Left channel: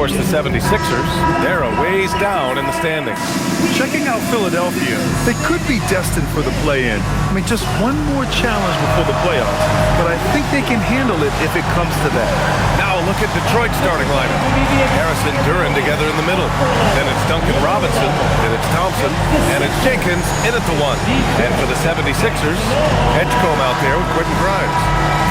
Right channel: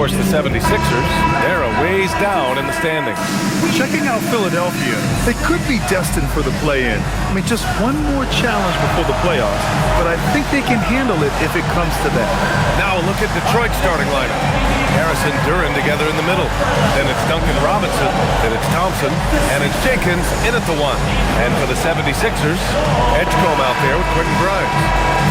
course, the 76ers, they're a ways down in the standings. Checking out Philadelphia, they could be destined for the play-in. I mean, just one more challenge before the playoffs, but I think they can handle it if it comes to that. Now a look at Detroit's starting lineup. Harris and Duren together in the middle. Then it's Duncan Robinson, then it's Thompson, and it's Jenkins in at the 1. And for the 76ers, Edgecombe out there with Quentin Grimes.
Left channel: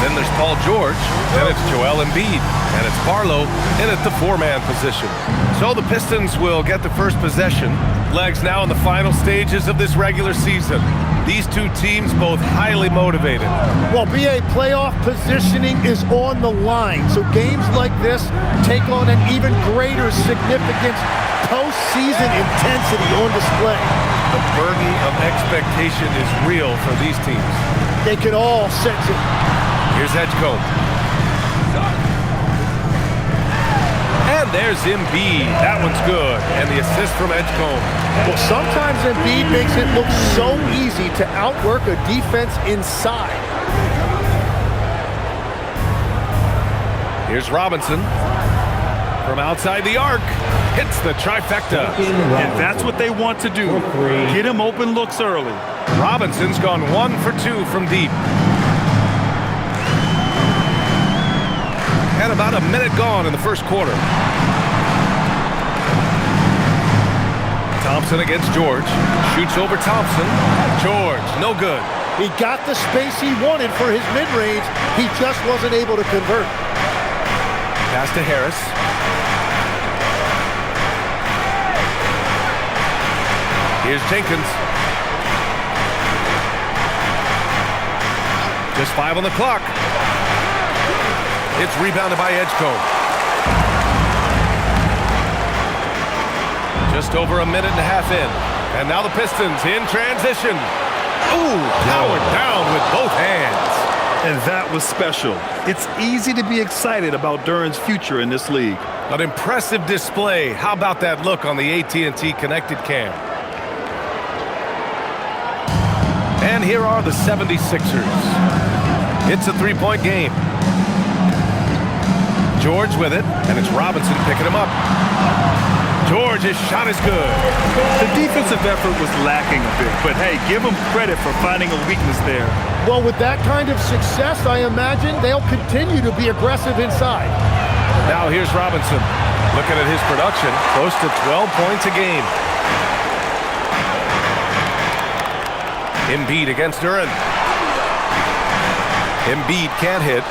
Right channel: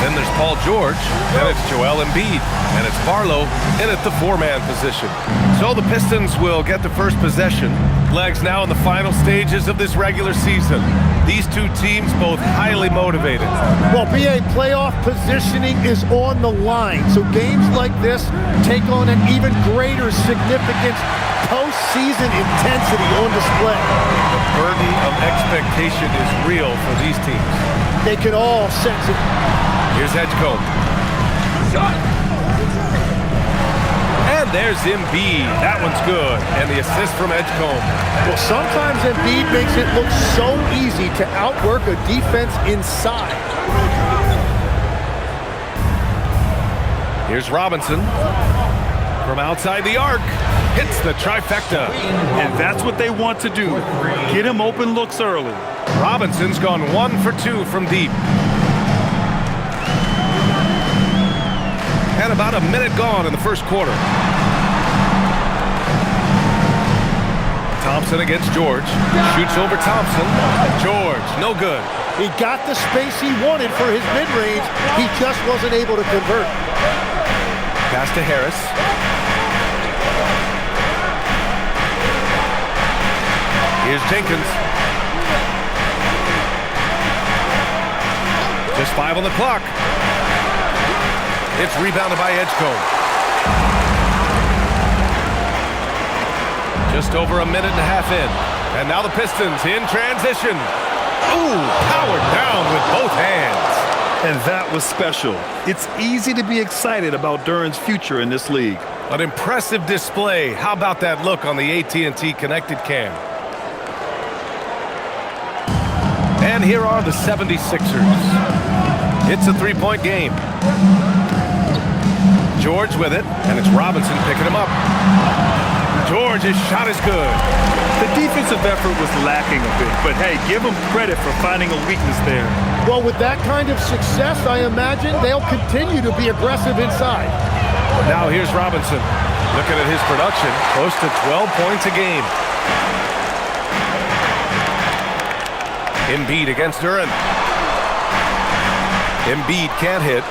Then there's Paul George, then it's Joel Embiid, and it's Barlow in at the 4-man position. So the Pistons will get the first possession. Legs now in the final stages of this regular season. These two teams both highly motivated. Well, BA, playoff positioning is on the line, so games like this take on an even greater significance. Postseason intensity on display. The burden of expectation is real for these teams. They can all sense it. Here's Edgecombe. And there's Embiid. That one's good. And the assist from Edgecombe. Well, sometimes Embiid makes it look so easy to outwork a defense inside. Here's Robinson. From outside the arc. Hits the trifecta. And that's what they want to do. Get him open looks early. Robinson's gone 1 for 2 from deep. And about a minute gone in the first quarter. Thompson against George. Shoots over Thompson. George, no good. He got the space he wanted for his mid-range. He just wasn't able to convert. Pass to Harris. Here's Jenkins. Just 5 on the clock. It's rebounded by Edgecombe. Just over a minute and a half in. And now the Pistons in transition. Ooh, powered down with both hands. And that was special. It's easy to be excited about Duren's future in this league. An impressive display. How about that look on the AT&T Connected Cam? And here are the 76ers. It's a 3-point game. George with it, and it's Robinson picking him up. George, his shot is good. The defensive effort was lacking a bit, but hey, give them credit for finding a weakness there. Well, with that kind of success, I imagine they'll continue to be aggressive inside. Now here's Robinson. Looking at his production, close to 12 points a game. Embiid against Duren. Embiid can't hit.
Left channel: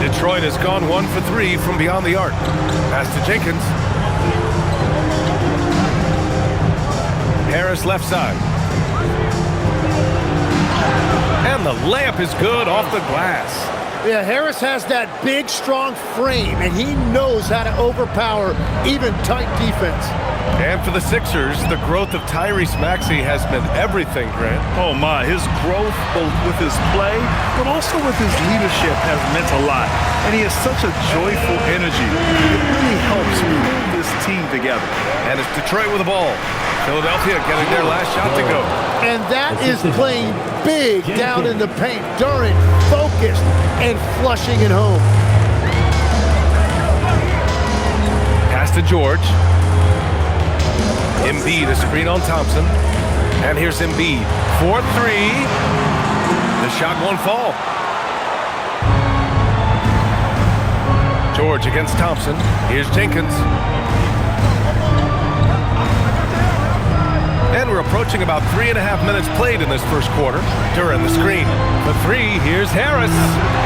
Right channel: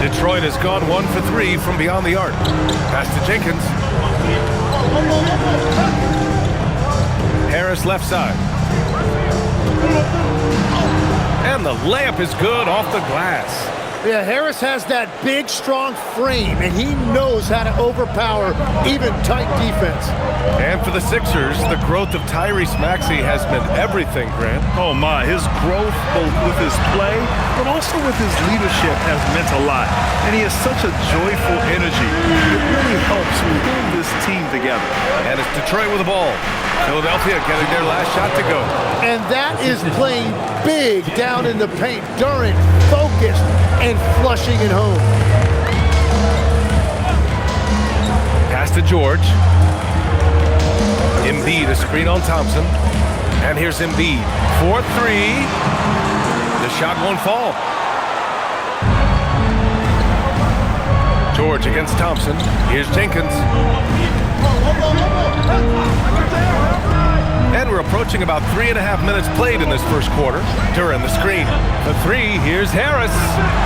Detroit has gone 1 for 3 from beyond the arc. Pass to Jenkins. Harris left side. And the layup is good off the glass. Yeah, Harris has that big, strong frame, and he knows how to overpower even tight defense. And for the Sixers, the growth of Tyrese Maxey has meant everything, Grant. Oh my, his growth both with his play, but also with his leadership has meant a lot. And he has such a joyful energy. It really helps pull this team together. And it's Detroit with the ball. Philadelphia getting their last shot to go. And that is playing big down in the paint. Duren focused and flushing it home. Pass to George. Embiid, a screen on Thompson. And here's Embiid. 4-3. The shot won't fall. George against Thompson. Here's Jenkins. And we're approaching about 3.5 minutes played in this first quarter. Duren the screen. For 3, here's Harris.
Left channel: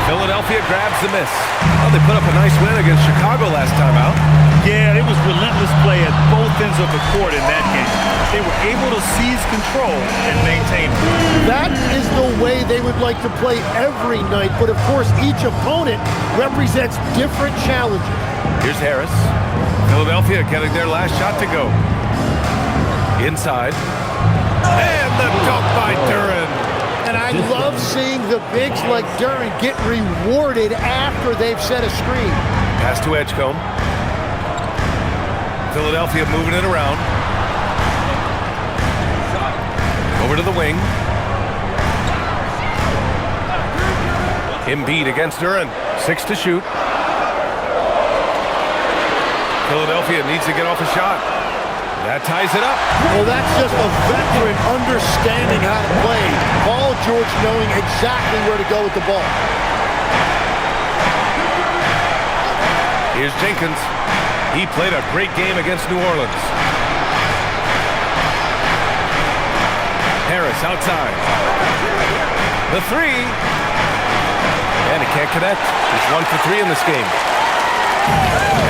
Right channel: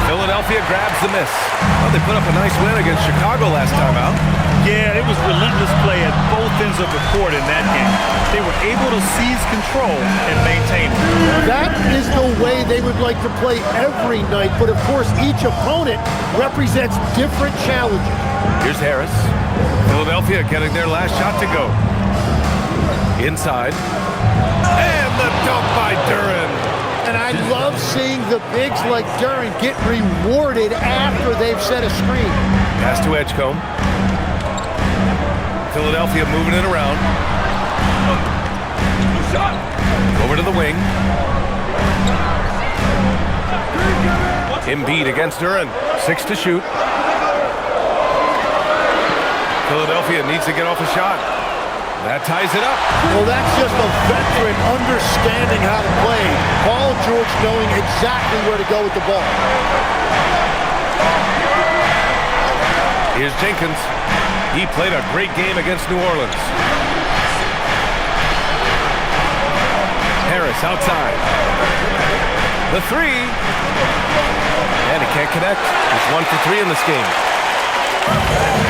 Philadelphia grabs the miss. Well, they put up a nice win against Chicago last time out. Yeah, it was relentless play at both ends of the court in that game. They were able to seize control and maintain it. That is the way they would like to play every night, but of course each opponent represents different challenges. Here's Harris. Philadelphia getting their last shot to go. Inside. And the dunk by Duren. And I love seeing the bigs like Duren get rewarded after they've set a screen. Pass to Edgecombe. Philadelphia moving it around. Over to the wing. Embiid against Duren. 6 to shoot. Philadelphia needs to get off a shot. That ties it up. Well, that's just a veteran understanding how to play. Paul George knowing exactly where to go with the ball. Here's Jenkins. He played a great game against New Orleans. Harris outside. The three. And he can't connect. He's 1 for 3 in this game.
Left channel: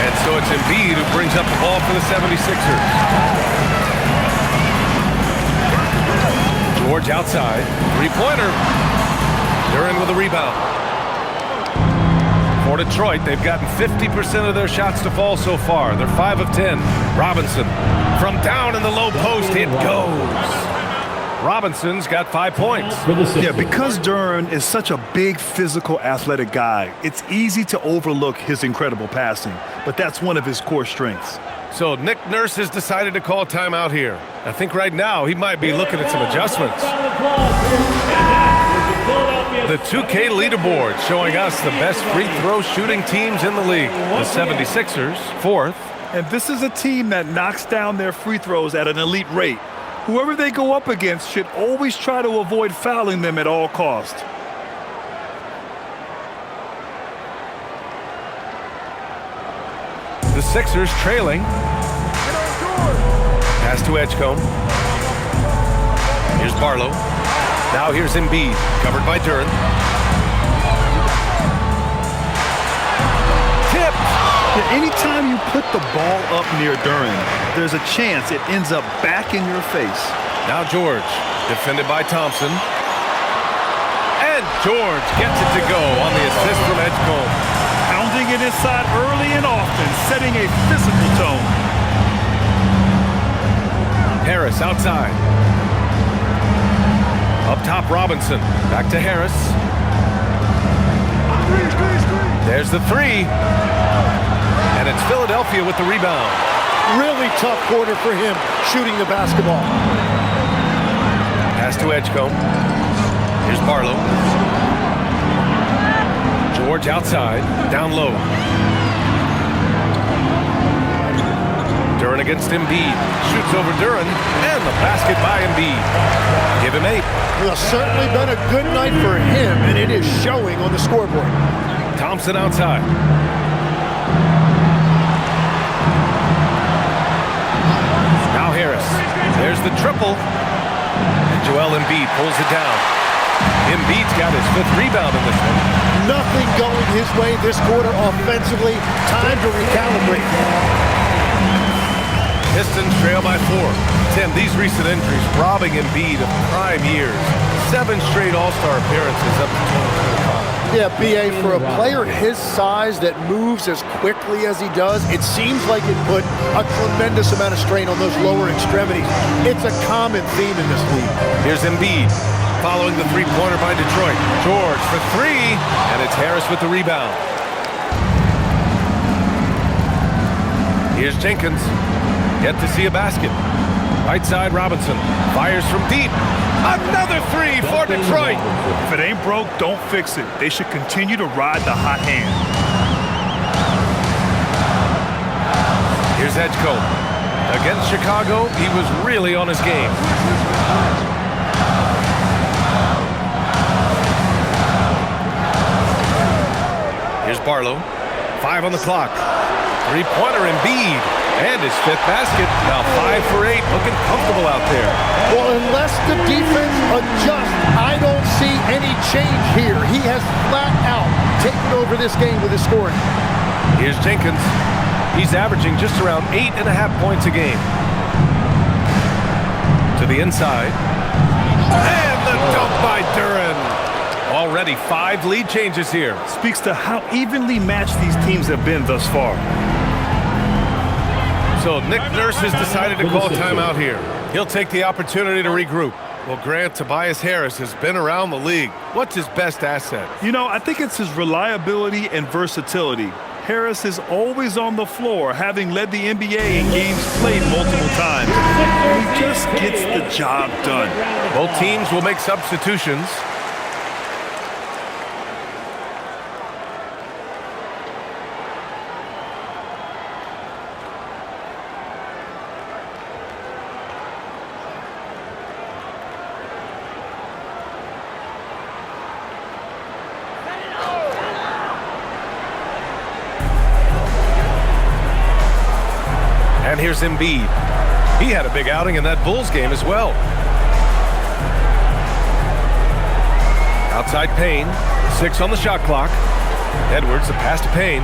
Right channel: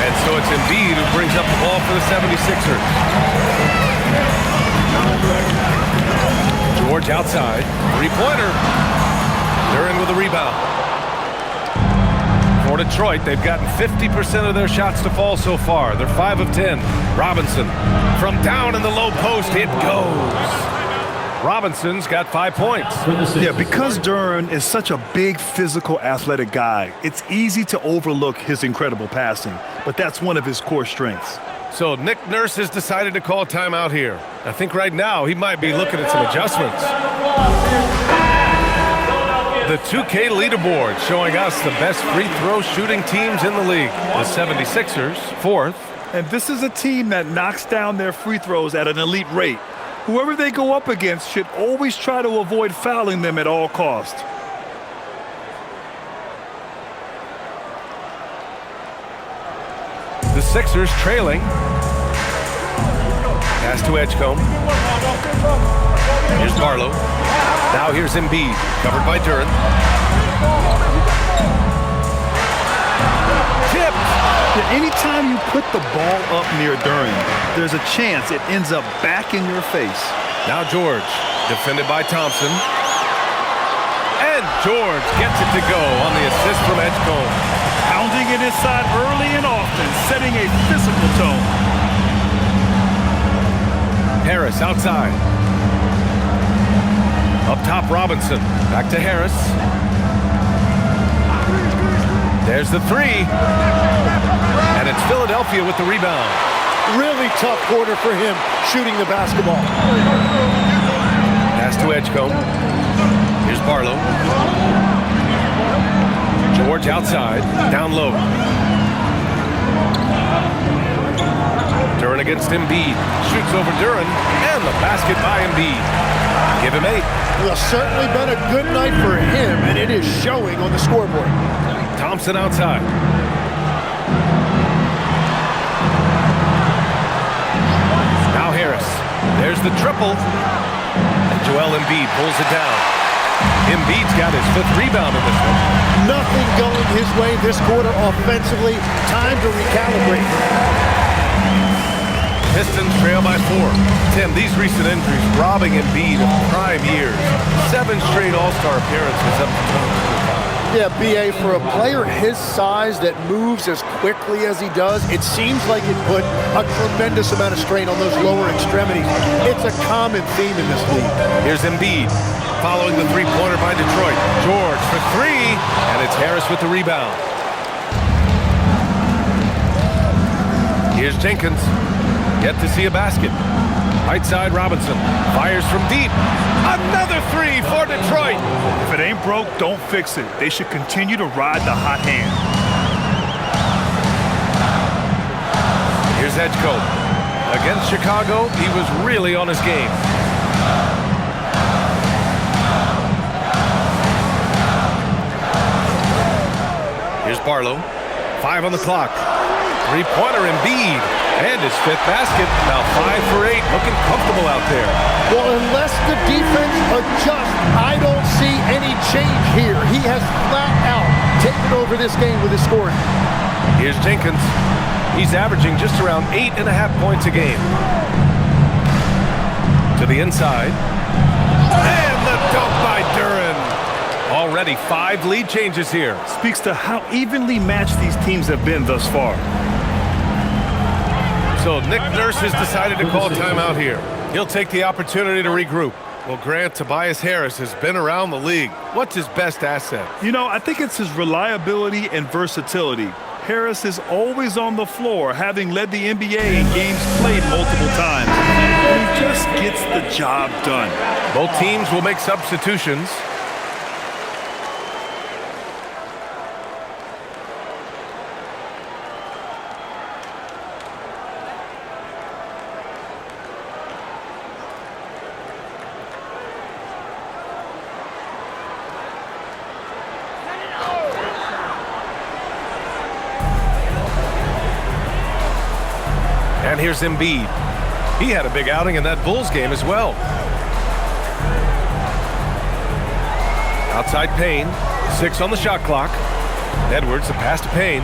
And so it's Embiid who brings up the ball for the 76ers. George outside. Three-pointer. Duren with a rebound. For Detroit, they've gotten 50% of their shots to fall so far. They're 5 of 10. Robinson from down in the low post. It goes. Robinson's got 5 points. Yeah, because Duren is such a big, physical, athletic guy, it's easy to overlook his incredible passing, but that's one of his core strengths. So Nick Nurse has decided to call timeout here. I think right now he might be looking at some adjustments. The 2K leaderboard showing us the best free throw shooting teams in the league. The 76ers, 4th. And this is a team that knocks down their free throws at an elite rate. Whoever they go up against should always try to avoid fouling them at all costs. The Sixers trailing. Pass to Edgecombe. Here's Barlow. Now here's Embiid, covered by Duren. Tip. Yeah, anytime you put the ball up near Duren, there's a chance it ends up back in your face. Now George, defended by Thompson. And George gets it to go on the assist from Edgecombe. Pounding it inside early and often, setting a physical tone. Harris outside. Up top, Robinson. Back to Harris. There's the three. And it's Philadelphia with the rebound. Really tough quarter for him shooting the basketball. Pass to Edgecombe. Here's Barlow. George outside, down low. Duren against Embiid. Shoots over Duren, and the basket by Embiid. Give him 8. Well, certainly been a good night for him, and it is showing on the scoreboard. Thompson outside. Now Harris. There's the triple. And Joel Embiid pulls it down. Embiid's got his 5th rebound in this one. Nothing going his way this quarter offensively. Time to recalibrate. Pistons trail by 4. Tim, these recent injuries robbing Embiid of prime years. 7 straight All-Star appearances up to 2025. Yeah, B.A., for a player his size that moves as quickly as he does, it seems like it put a tremendous amount of strain on those lower extremities. It's a common theme in this league. Here's Embiid following the three-pointer by Detroit. George for 3, and it's Harris with the rebound. Here's Jenkins. Yet to see a basket. Right side, Robinson. Fires from deep. Another 3 for Detroit. If it ain't broke, don't fix it. They should continue to ride the hot hand. Here's Edgecombe. Against Chicago, he was really on his game. Here's Barlow. 5 on the clock. Three-pointer Embiid. And his 5th basket. Now 5 for 8. Looking comfortable out there. Well, unless the defense adjusts, I don't see any change here. He has flat out taken over this game with his scoring. Here's Jenkins. He's averaging just around 8.5 points a game. To the inside. And the dunk by Duren. Already 5 lead changes here. Speaks to how evenly matched these teams have been thus far. So Nick Nurse has decided to call timeout here. He'll take the opportunity to regroup. Well, Grant, Tobias Harris has been around the league. What's his best asset? You know, I think it's his reliability and versatility. Harris is always on the floor, having led the NBA in games played multiple times. And he just gets the job done. Both teams will make substitutions. And here's Embiid. He had a big outing in that Bulls game as well. Outside Payne. 6 on the shot clock. Edwards, the pass to Payne.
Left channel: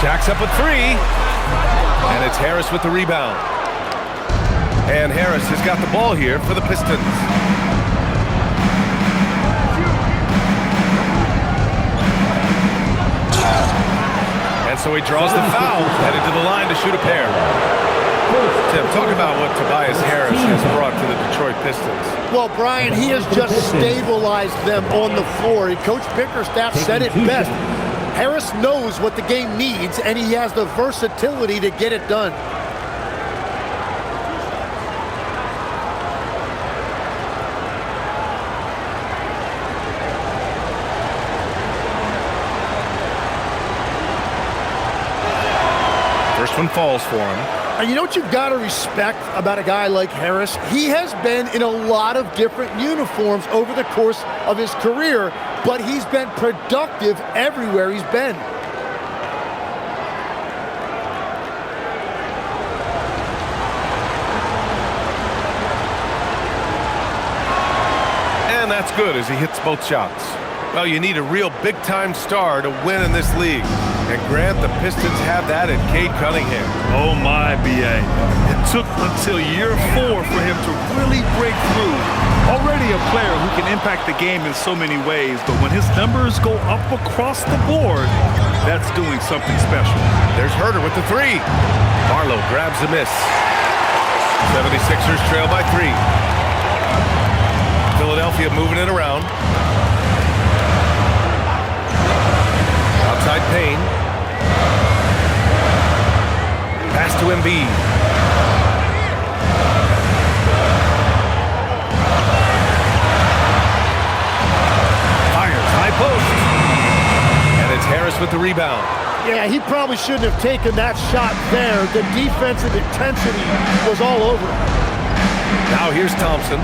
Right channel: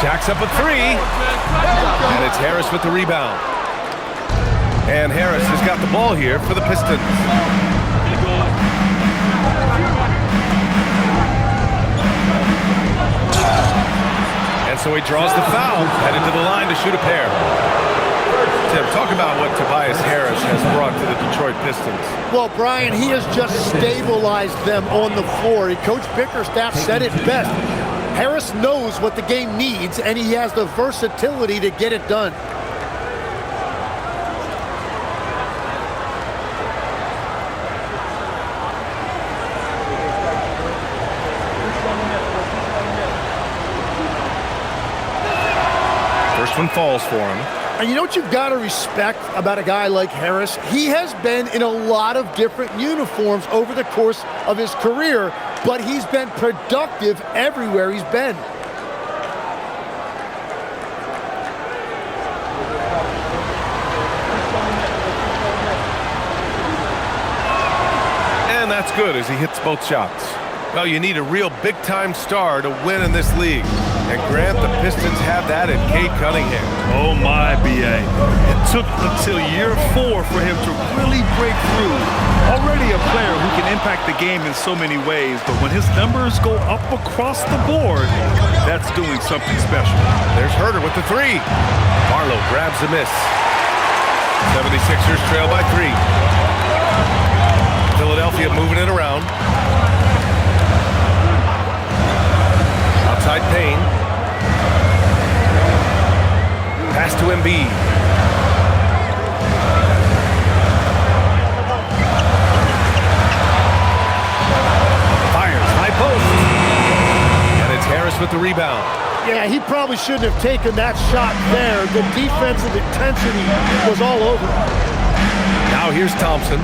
Jacks up a 3. And it's Harris with the rebound. And Harris has got the ball here for the Pistons. And so he draws the foul, headed to the line to shoot a pair. Tim, talk about what Tobias Harris has brought to the Detroit Pistons. Well, Brian, he has just stabilized them on the floor. Coach Bickerstaff said it best. Harris knows what the game needs, and he has the versatility to get it done. First one falls for him. And you know what you've got to respect about a guy like Harris? He has been in a lot of different uniforms over the course of his career, but he's been productive everywhere he's been. And that's good as he hits both shots. Well, you need a real big-time star to win in this league. And Grant, the Pistons have that in Cade Cunningham. Oh my, B.A. It took until year 4 for him to really break through. Already a player who can impact the game in so many ways, but when his numbers go up across the board, that's doing something special. There's Herter with the 3. Barlow grabs the miss. 76ers trail by 3. Philadelphia moving it around. Outside Payne. Pass to Embiid. Fires, high post. And it's Harris with the rebound. Yeah, he probably shouldn't have taken that shot there. The defensive intensity was all over him. Now here's Thompson.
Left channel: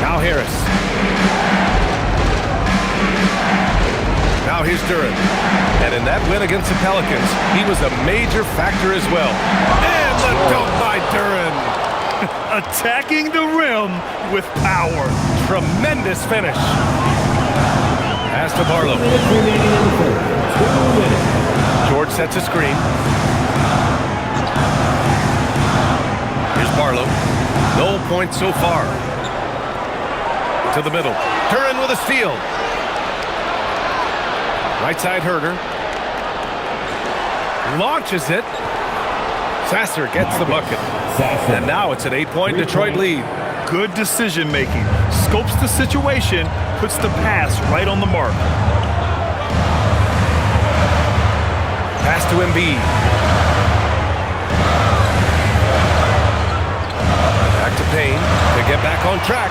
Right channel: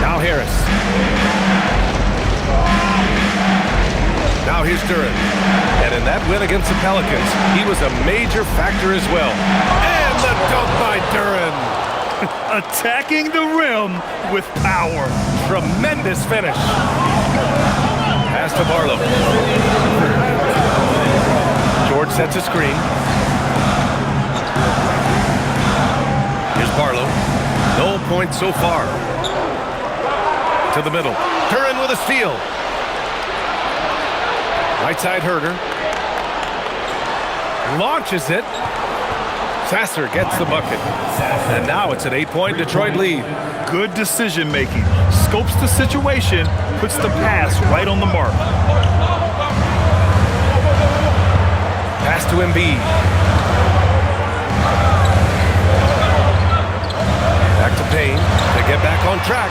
Now Harris. Now here's Duren. And in that win against the Pelicans, he was a major factor as well. And the dunk by Duren. Attacking the rim with power. Tremendous finish. Pass to Barlow. George sets a screen. Here's Barlow. No points so far. To the middle. Duren with a steal. Right side Herter. Launches it. Sasser gets the bucket. And now it's an 8-point Detroit lead. Good decision making. Scopes the situation, puts the pass right on the mark. Pass to Embiid. Back to Payne to get back on track.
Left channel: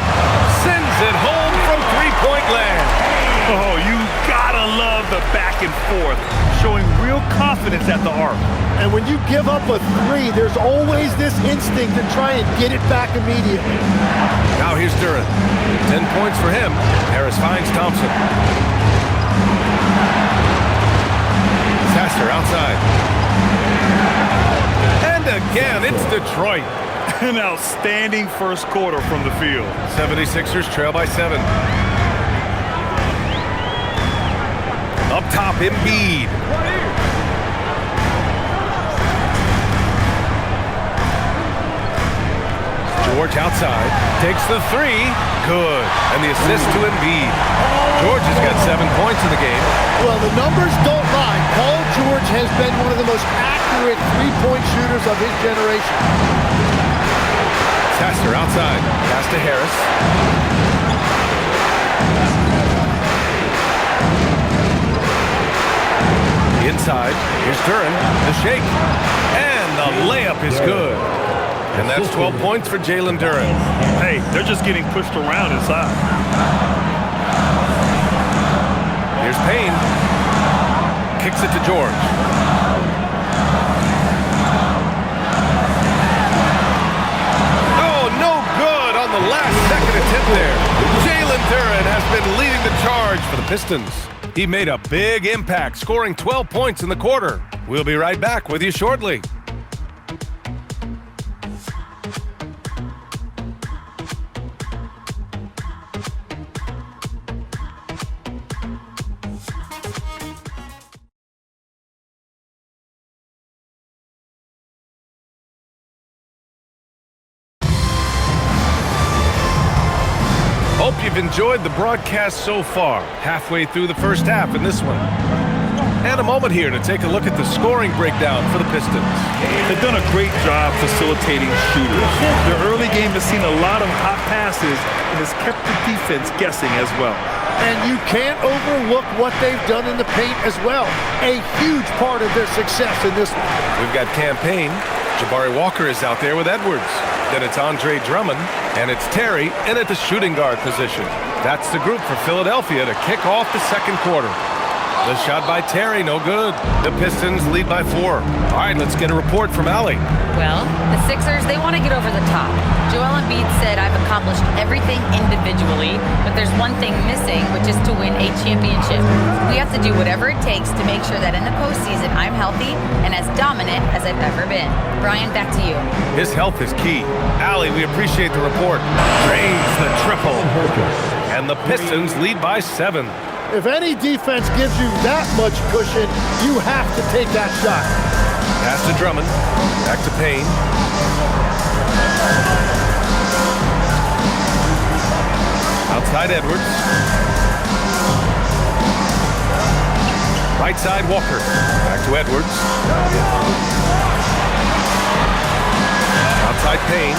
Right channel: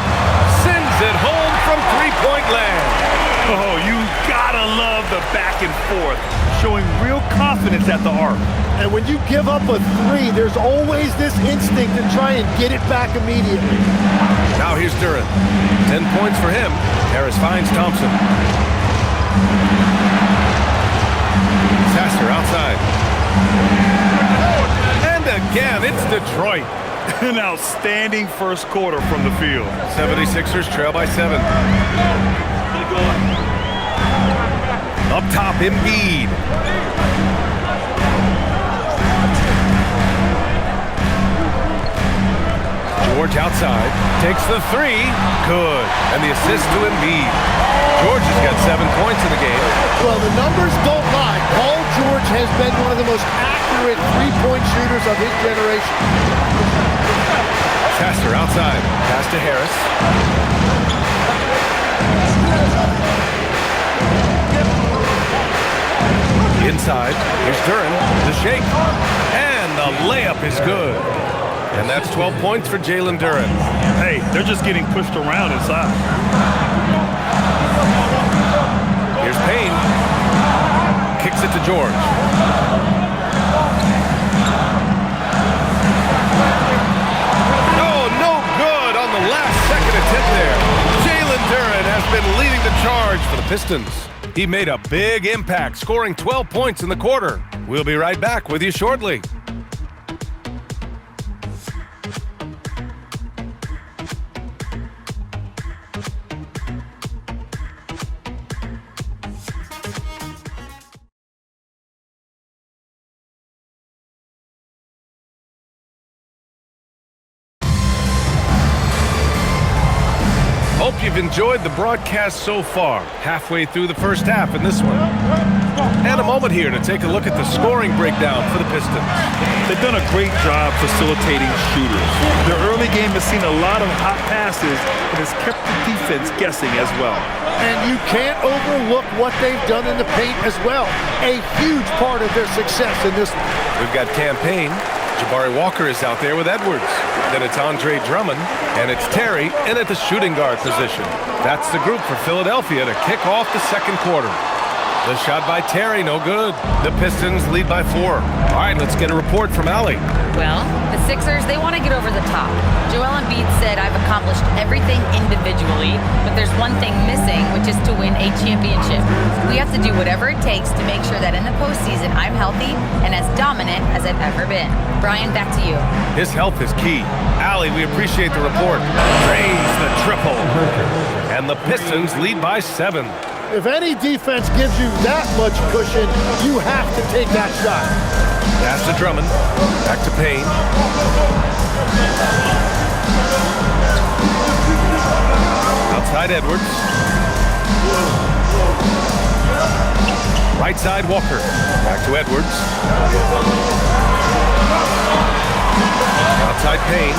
Sends it home from three-point land. Oh, you gotta love the back and forth, showing real confidence at the arc. And when you give up a 3, there's always this instinct to try and get it back immediately. Now here's Duren. 10 points for him. Harris finds Thompson. Sasser outside. And again, it's Detroit. An outstanding first quarter from the field. 76ers trail by 7. Up top, Embiid. George outside, takes the 3, good. And the assist to Embiid. George has got 7 points in the game. Well, the numbers don't lie. Paul George has been one of the most accurate three-point shooters of his generation. Sasser outside, pass to Harris. Inside, here's Duren, the shake, and the layup is good. And that's 12 points for Jalen Duren. Hey, they're just getting pushed around inside. Here's Payne, kicks it to George. Oh, no good on the last second attempt there. Jalen Duren has been leading the charge for the Pistons. He made a big impact, scoring 12 points in the quarter. We'll be right back with you shortly. Hope you've enjoyed the broadcast so far, halfway through the first half in this one. And a moment here to take a look at the scoring breakdown for the Pistons. They've done a great job facilitating shooters. Their early game has seen a lot of hot passes and has kept the defense guessing as well. And you can't overlook what they've done in the paint as well. A huge part of their success in this one. We've got Campaign. Jabari Walker is out there with Edwards. Then it's Andre Drummond, and it's Terry in at the shooting guard position. That's the group for Philadelphia to kick off the second quarter. The shot by Terry, no good. The Pistons lead by 4. All right, let's get a report from Allie. Well, the Sixers, they want to get over the top. Joel Embiid said, I've accomplished everything individually, but there's one thing missing, which is to win a championship. We have to do whatever it takes to make sure that in the postseason, I'm healthy and as dominant as I've ever been. Brian, back to you. His health is key. Allie, we appreciate the report. Drains the triple. And the Pistons lead by 7. If any defense gives you that much cushion, you have to take that shot. Pass to Drummond. Back to Payne. Outside Edwards. Right side Walker. Back to Edwards. Outside Payne.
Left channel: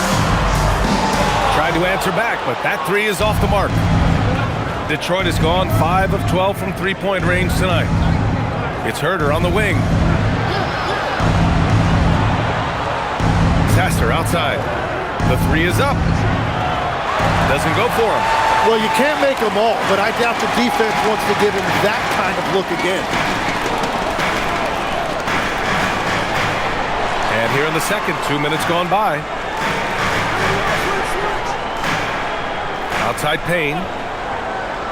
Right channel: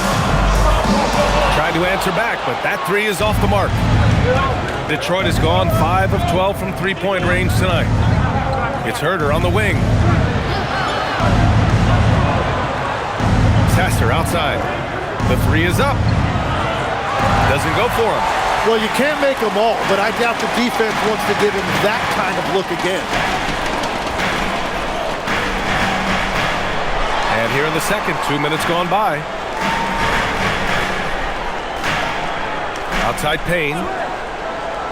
Tried to answer back, but that 3 is off the mark. Detroit has gone 5 of 12 from three-point range tonight. It's Herder on the wing. Sasser outside. The 3 is up. Doesn't go for him. Well, you can't make them all, but I doubt the defense wants to give him that kind of look again. And here in the second, 2 minutes gone by. Outside Payne.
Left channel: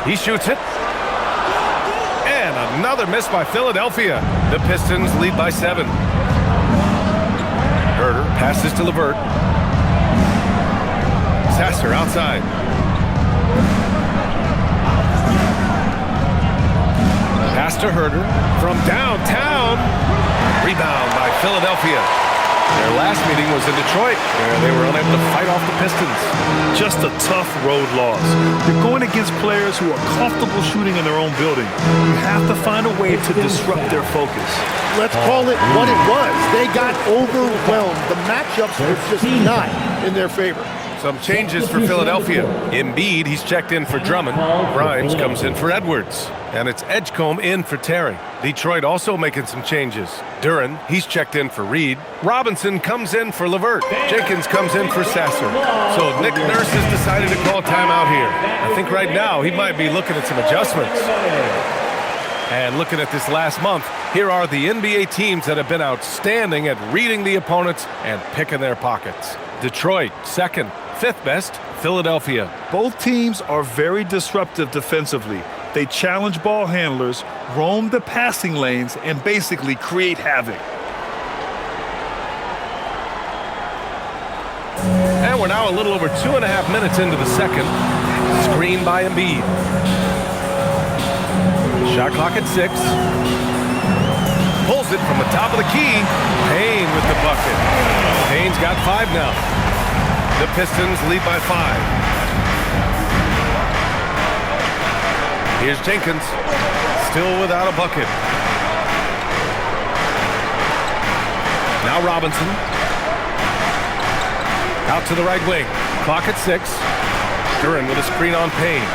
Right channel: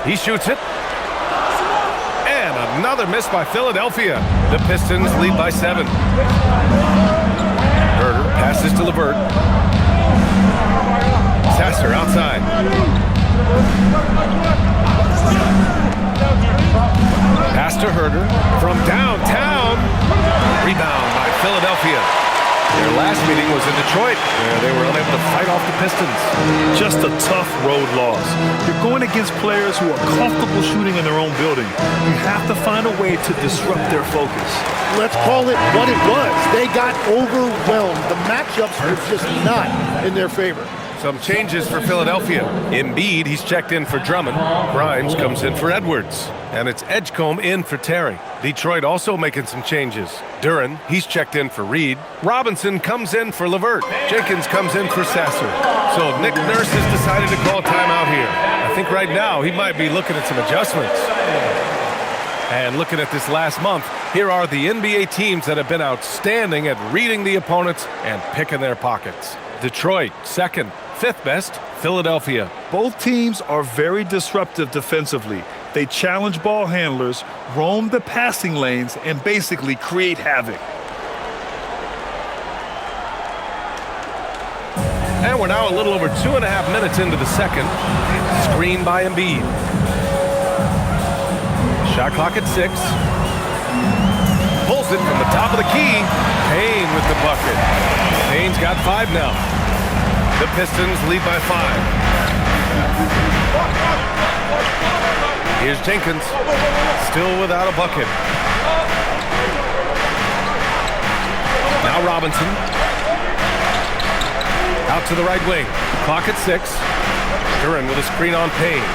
He shoots it. And another miss by Philadelphia. The Pistons lead by 7. Herder passes to LeVert. Sasser outside. Pass to Herder from downtown. Rebound by Philadelphia. Their last meeting was in Detroit, where they were unable to fight off the Pistons. Just a tough road loss. You're going against players who are comfortable shooting in their own building. You have to find a way to disrupt their focus. Let's call it what it was. They got overwhelmed. The matchups were just not in their favor. Some changes for Philadelphia. Embiid, he's checked in for Drummond. Grimes comes in for Edwards. And it's Edgecombe in for Terry. Detroit also making some changes. Duren, he's checked in for Reed. Robinson comes in for LeVert. Jenkins comes in for Sasser. So Nick Nurse has decided to call timeout here. I think right now he might be looking at some adjustments. And looking at this last month, here are the NBA teams that have been outstanding at reading the opponents and picking their pockets. Detroit, second. 5th best, Philadelphia. Both teams are very disruptive defensively. They challenge ball handlers, roam the passing lanes, and basically create havoc. And we're now a little over 2.5 minutes into the second. Screen by Embiid. Shot clock at 6. Pulls it from the top of the key. Payne with the bucket. Payne's got 5 now. The Pistons lead by 5. Here's Jenkins, still without a bucket. Now Robinson. Out to the right wing. Clock at 6. Duren with a screen on Payne.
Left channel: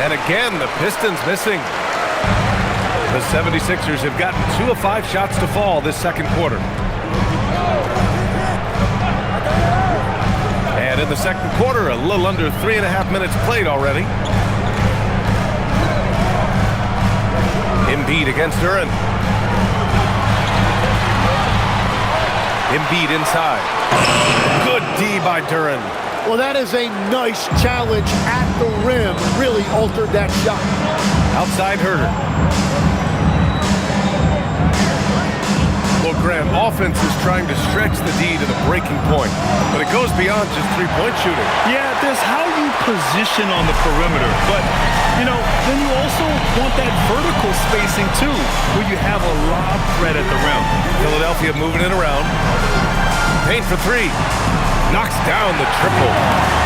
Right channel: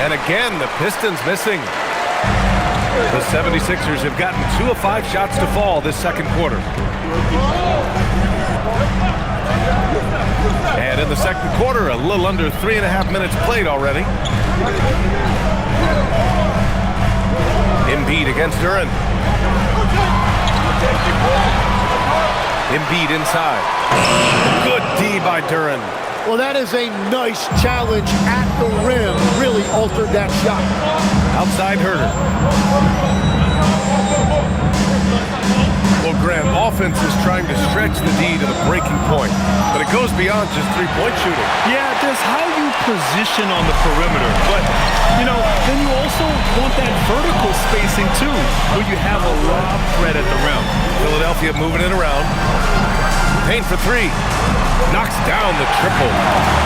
And again, the Pistons missing. The 76ers have gotten 2 of 5 shots to fall this second quarter. And in the second quarter, a little under 3.5 minutes played already. Embiid against Duren. Embiid inside. Good D by Duren. Well, that is a nice challenge at the rim. Really altered that shot. Outside Herter. Well, Graham, offense is trying to stretch the D to the breaking point, but it goes beyond just three-point shooting. Yeah, there's how you position on the perimeter, but, then you also want that vertical spacing, too, where you have a lob threat at the rim. Philadelphia moving it around. Payne for three. Knocks down the triple.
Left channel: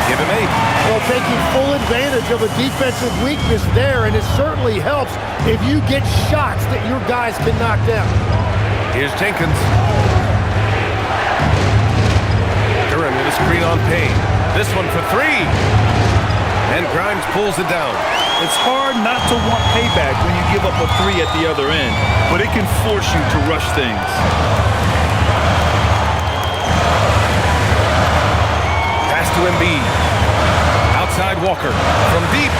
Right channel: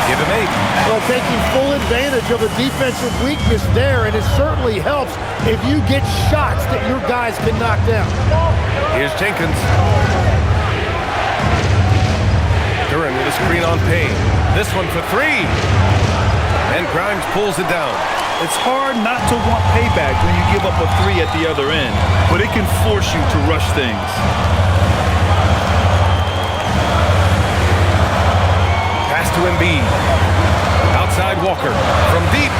Give him 8. Well, taking full advantage of a defensive weakness there, and it certainly helps if you get shots that your guys can knock down. Here's Jenkins. Duran with a screen on Payne. This one for 3. And Grimes pulls it down. It's hard not to want payback when you give up a 3 at the other end, but it can force you to rush things. Pass to Embiid. Outside Walker. From deep.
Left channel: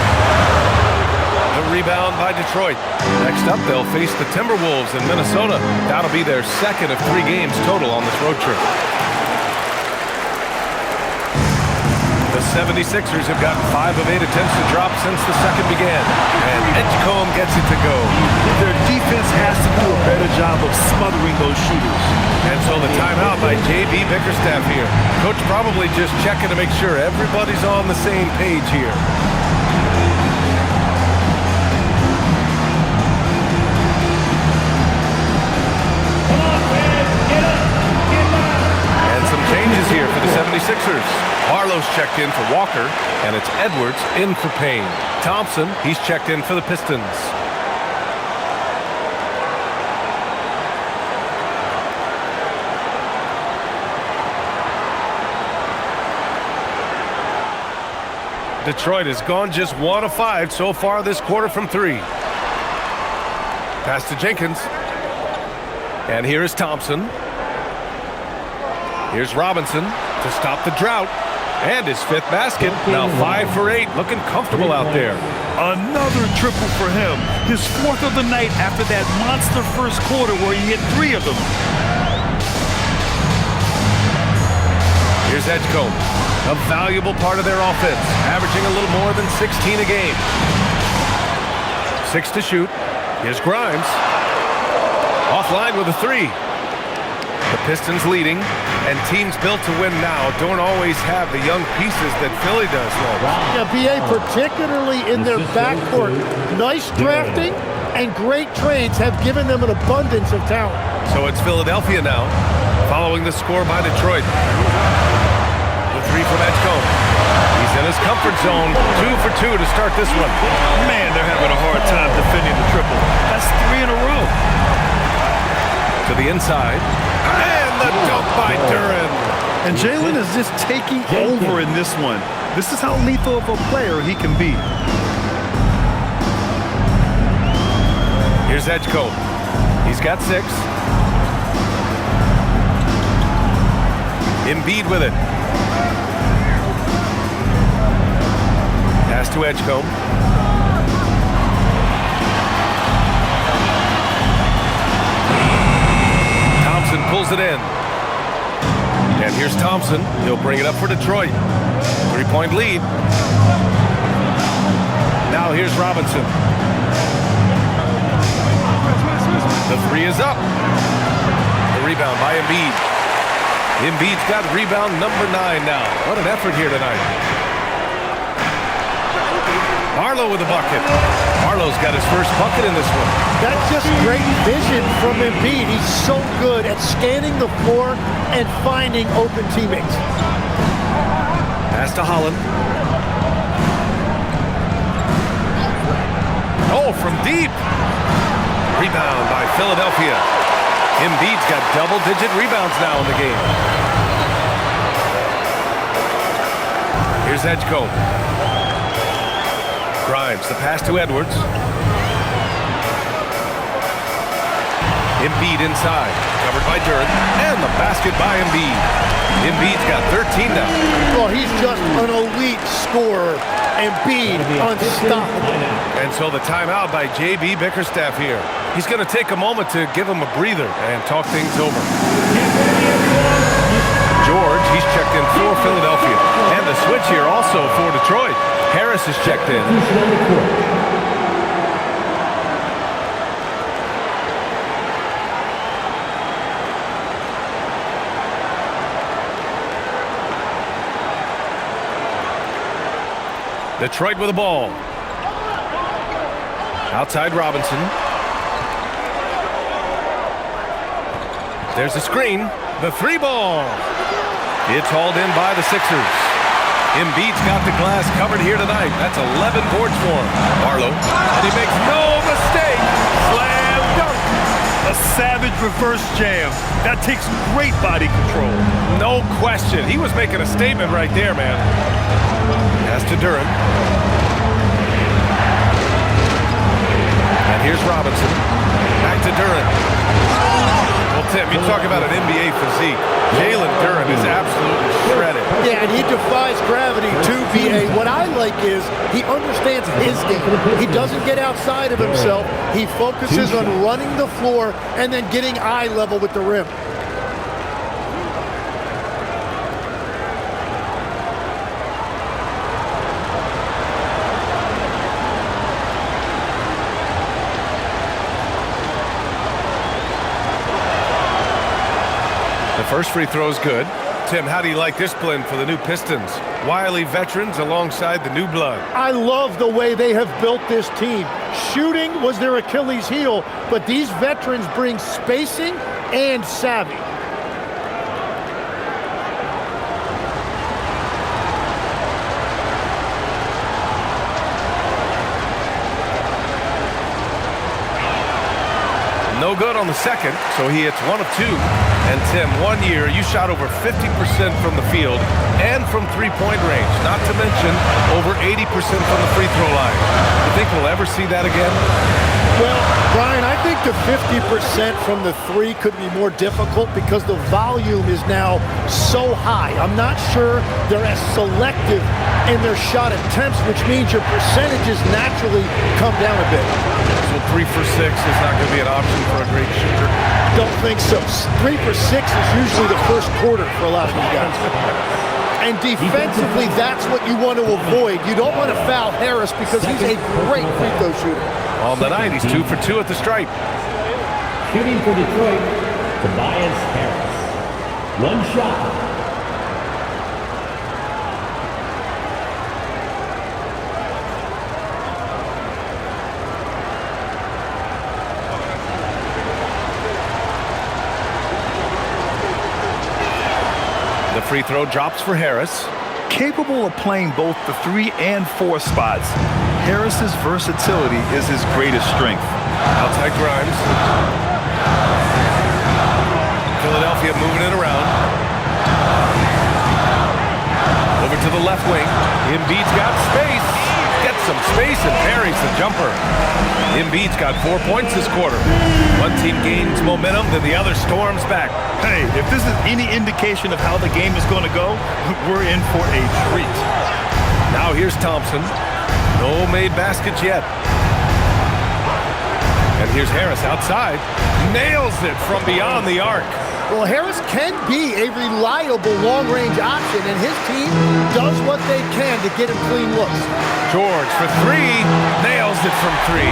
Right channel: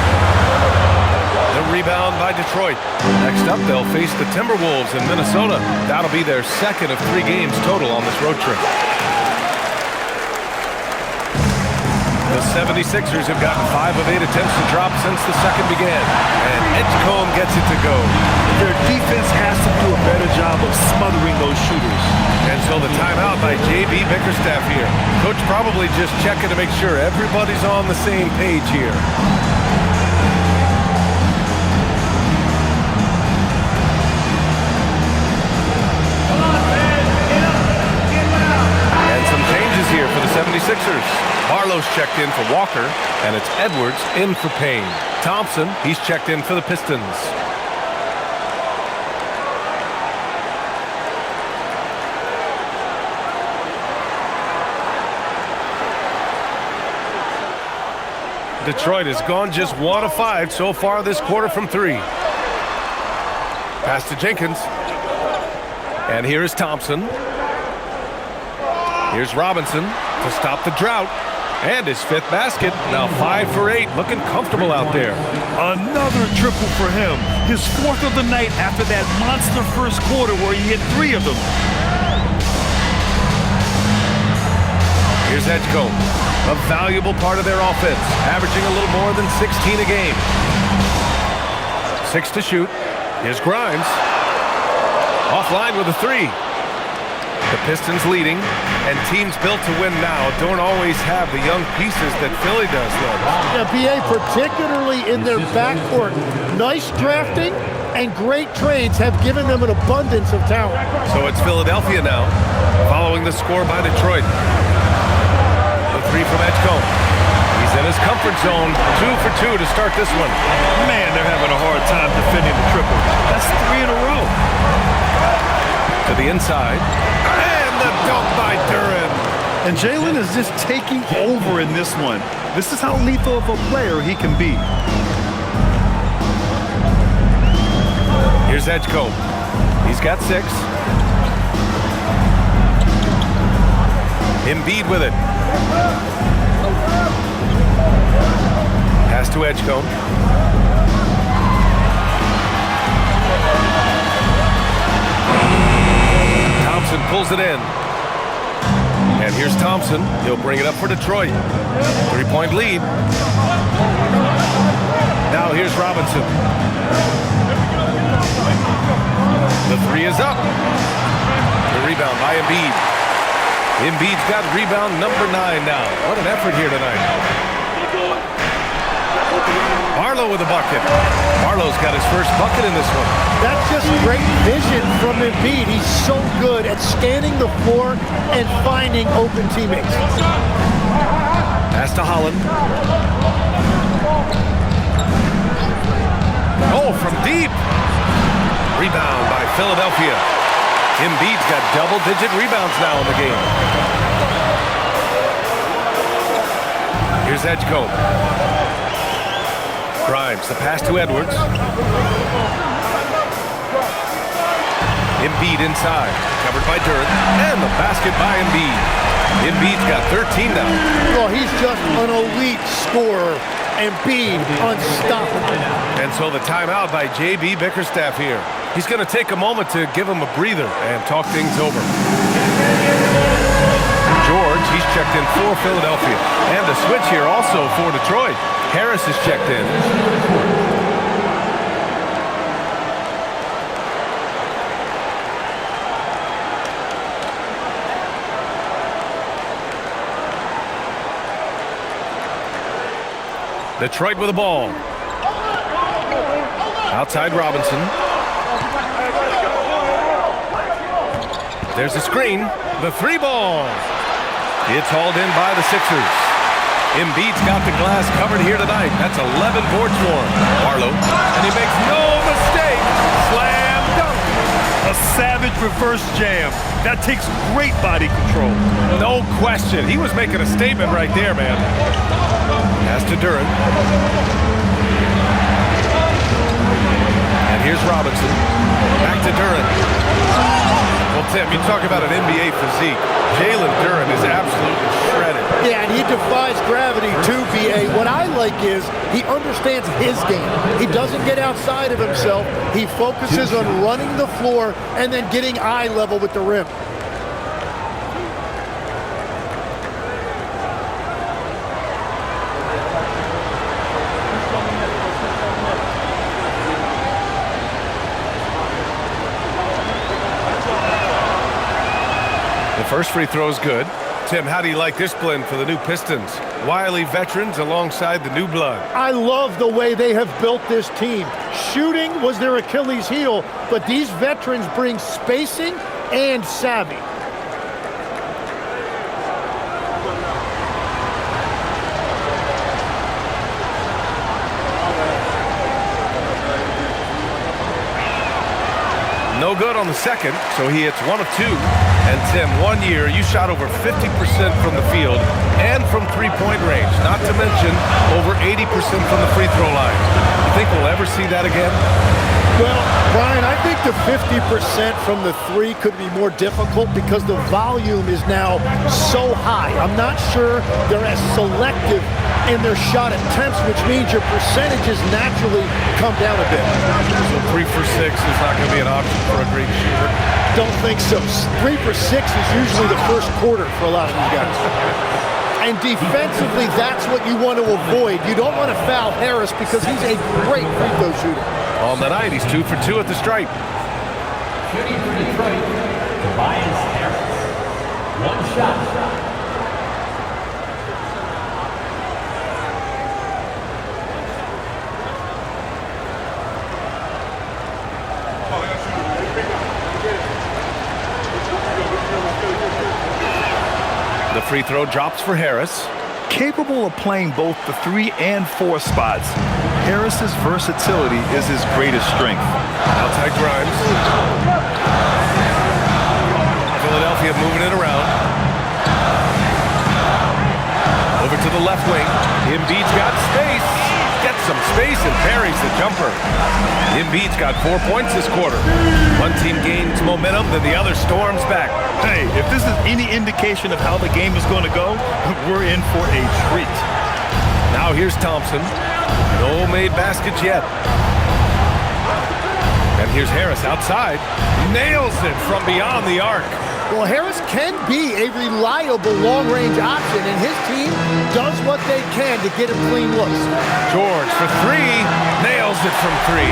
The rebound by Detroit. Next up, they'll face the Timberwolves in Minnesota. That'll be their second of 3 games total on this road trip. The 76ers have gotten 5 of 8 attempts to drop since the second began. And Edgecombe gets it to go. Their defense has to do a better job of smothering those shooters. And so the timeout by J.B. Bickerstaff here. Coach probably just checking to make sure everybody's on the same page here. And some changes here for the 76ers. Barlow's checked in for Walker, and it's Edwards in for Payne. Thompson, he's checked in for the Pistons. Detroit has gone just 1 of 5 so far this quarter from 3. Pass to Jenkins. And here is Thompson. Here's Robinson to stop the drought. And his 5th basket. Now 5 for 8. Looking comfortable out there. Another triple for him. His 4th of the night after that monster first quarter where he hit 3 of them. Here's Edgecombe. A valuable part of their offense. Averaging a little more than 16 a game. 6 to shoot. Here's Grimes. Offline with a 3. The Pistons leading, and teams built to win now don't always have the young pieces that Philly does, Lex. Yeah, BA, particularly in their backcourt. Nice drafting and great trades have given them an abundance of talent. So it's Philadelphia now, following the score by Detroit. The 3 from Edgecombe. He's in his comfort zone. 2 for 2 to start this one. Man, they're having a hard time defending the triple. That's 3 in a row. To the inside. And the dunk by Duran. And Jalen is just taking over in this one. This is how lethal of a player he can be. Here's Edgecombe. He's got 6. Embiid with it. Pass to Edgecombe. Thompson pulls it in. And here's Thompson. He'll bring it up for Detroit. 3-point lead. Now here's Robinson. The 3 is up. The rebound by Embiid. Embiid's got rebound number 9 now. What an effort here tonight. Barlow with a bucket. Barlow's got his first bucket in this one. That's just great vision from Embiid. He's so good at scanning the floor and finding open teammates. Pass to Holland. Oh, from deep. Rebound by Philadelphia. Embiid's got double-digit rebounds now in the game. Here's Edgecombe. Grimes, the pass to Edwards. Embiid inside, covered by Duran, and the basket by Embiid. Embiid's got 13 now. Well, he's just an elite scorer. Embiid unstoppable. And so the timeout by J.B. Bickerstaff here. He's going to take a moment to give him a breather and talk things over. George, he's checked in for Philadelphia. And the switch here also for Detroit. Harris is checked in. Detroit with the ball. Outside Robinson. There's a screen. The 3-ball. It's hauled in by the Sixers. Embiid's got the glass covered here tonight. That's 11 boards for him. Barlow. And he makes no mistake. Slam dunk. A savage reverse jam. That takes great body control. No question. He was making a statement right there, man. Pass to Duran. And here's Robinson. Back to Duran. Well, Tim, you talk about an NBA physique. Jalen Duran is absolutely shredded. Yeah, and he defies gravity too, BA. What I like is he understands his game. He doesn't get outside of himself. He focuses on running the floor and then getting eye level with the rim. The first free throw is good. Tim, how do you like this blend for the new Pistons? Wily veterans alongside the new blood. I love the way they have built this team. Shooting was their Achilles heel, but these veterans bring spacing and savvy. No good on the second, so he hits 1 of 2. And Tim, 1 year, you shot over 50% from the field and from three-point range, not to mention over 80% from the free throw line. You think we'll ever see that again? Well, Brian, I think the 50% from the three could be more difficult because the volume is now so high. I'm not sure they're as selective in their shot attempts, which means your percentages naturally come down a bit. So 3 for 6 is not going to be an option for a great shooter? Don't think so. 3 for 6 is usually the first quarter for a lot of these guys. And defensively, that's what you want to avoid. You don't want to foul Harris because he's a great free throw shooter. On the night, he's 2 for 2 at the stripe. Shooting for Detroit, Tobias Harris. 1 shot. The free throw drops for Harris. Capable of playing both the 3 and 4 spots, Harris's versatility is his greatest strength. Outside Grimes. Philadelphia moving it around. Over to the left wing. Embiid's got space. Gets some space and buries the jumper. Embiid's got 4 points this quarter. One team gains momentum, then the other storms back. Hey, if this is any indication of how the game is going to go, we're in for a treat. Now here's Thompson. No made baskets yet. And here's Harris outside. Nails it from beyond the arc. Well, Harris can be a reliable long-range option, and his team does what they can to get him clean looks. George for 3. Nails it from 3.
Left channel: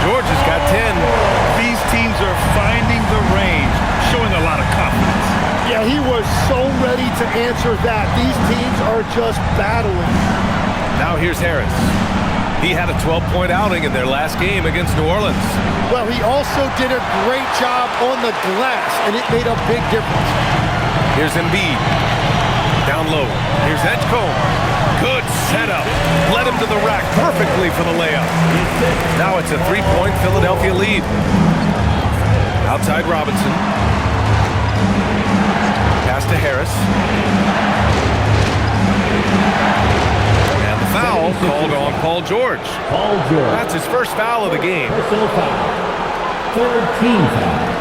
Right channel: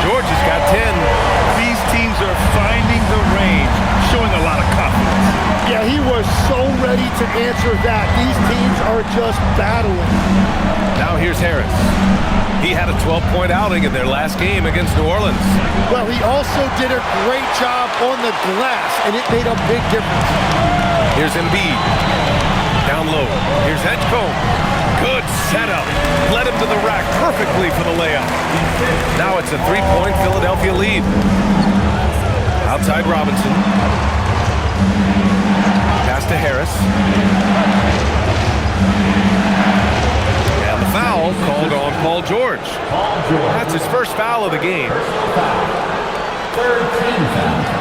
George has got 10. These teams are finding the range, showing a lot of confidence. Yeah, he was so ready to answer that. These teams are just battling. Now here's Harris. He had a 12-point outing in their last game against New Orleans. Well, he also did a great job on the glass, and it made a big difference. Here's Embiid. Down low. Here's Edgecombe. Good setup. Led him to the rack perfectly for the layup. Now it's a 3-point Philadelphia lead. Outside Robinson. Pass to Harris. And the foul called on Paul George. Paul George. That's his first foul of the game. Personal foul. 3rd team foul.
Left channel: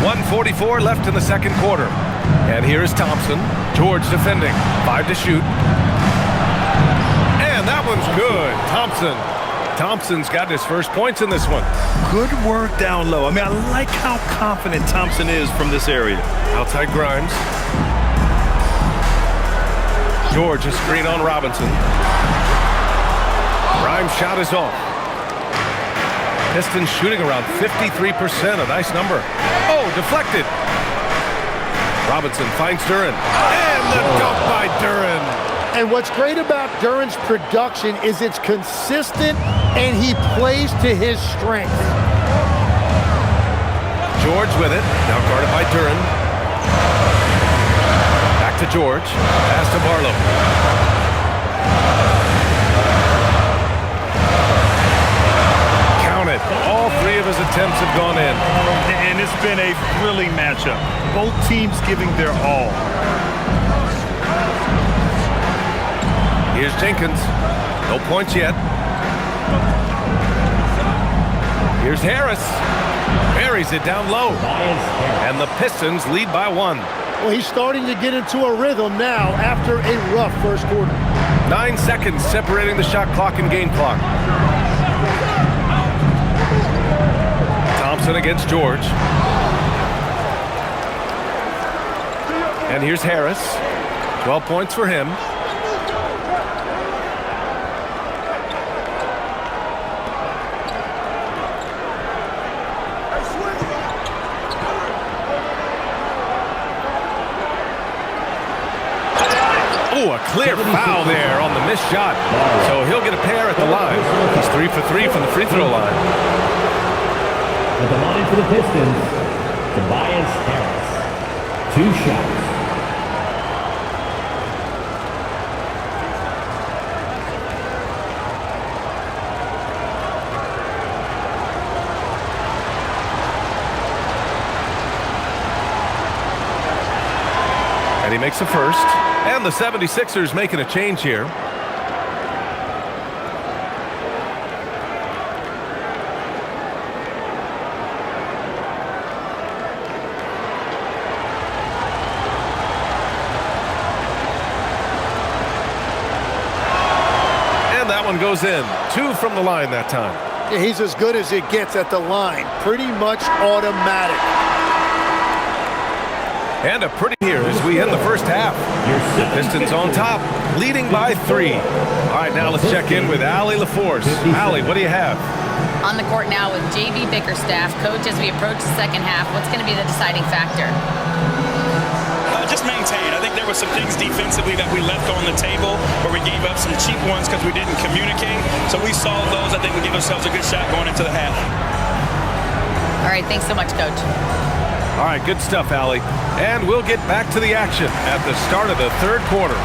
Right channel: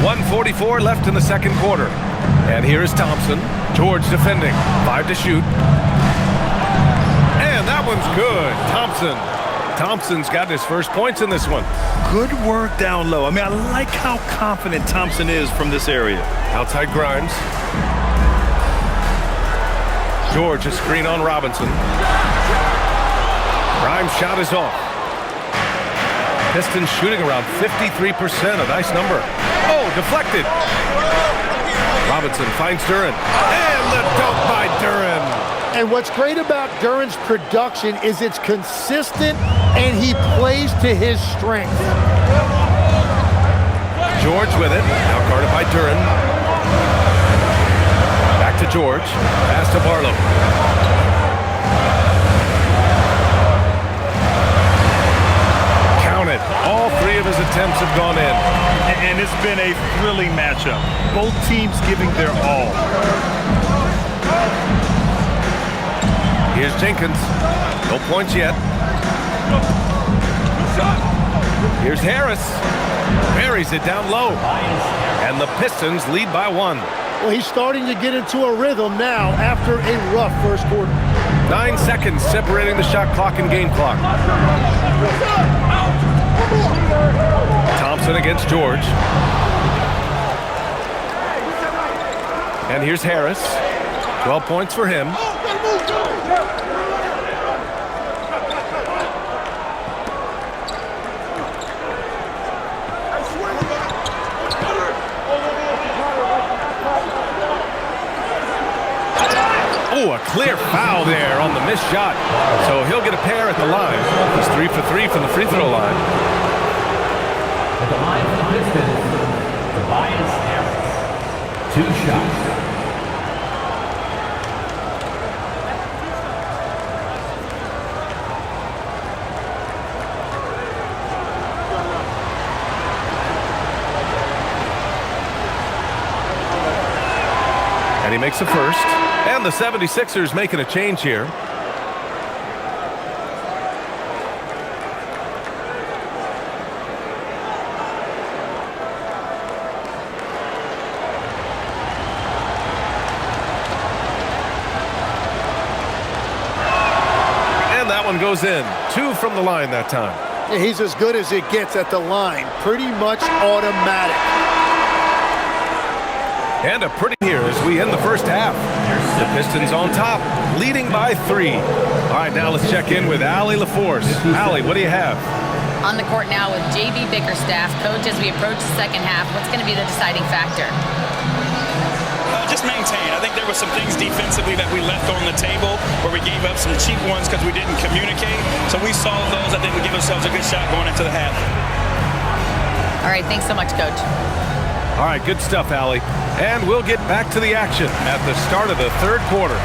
.144 left in the second quarter. And here is Thompson. George defending. 5 to shoot. And that one's good. Thompson's got his first points in this one. Good work down low. I mean, I like how confident Thompson is from this area. Outside Grimes. George, a screen on Robinson. Grimes' shot is off. Pistons shooting around 53%, a nice number. Oh, deflected. Robinson finds Duren. And the dunk by Duren. And what's great about Duren's production is it's consistent and he plays to his strength. George with it, now guarded by Duren. Back to George, pass to Barlow. Count it, all three of his attempts have gone in. And it's been a thrilling matchup. Both teams giving their all. Here's Jenkins, no points yet. Here's Harris, buries it down low. And the Pistons lead by 1. Well, he's starting to get into a rhythm now after a rough first quarter. 9 seconds separating the shot clock and game clock. Thompson against George. And here's Harris. 12 points for him. Oh, a clear foul there on the missed shot. So he'll get a pair at the line. He's 3 for 3 from the free throw line. At the line for the Pistons, Tobias Harris. 2 shots. And he makes the first. And the 76ers making a change here. And that one goes in. 2 from the line that time. Yeah, he's as good as it gets at the line. Pretty much automatic. And a pretty here as we end the first half. The Pistons on top, leading by 3. All right, now let's check in with Allie LaForce. Allie, what do you have? On the court now with J.B. Bickerstaff. Coach, as we approach the second half, what's going to be the deciding factor? Just maintain. I think there were some things defensively that we left on the table where we gave up some cheap ones because we didn't communicate. So we solved those. I think we give ourselves a good shot going into the half. All right, thanks so much, Coach. All right, good stuff, Allie. And we'll get back to the action at the start of the third quarter.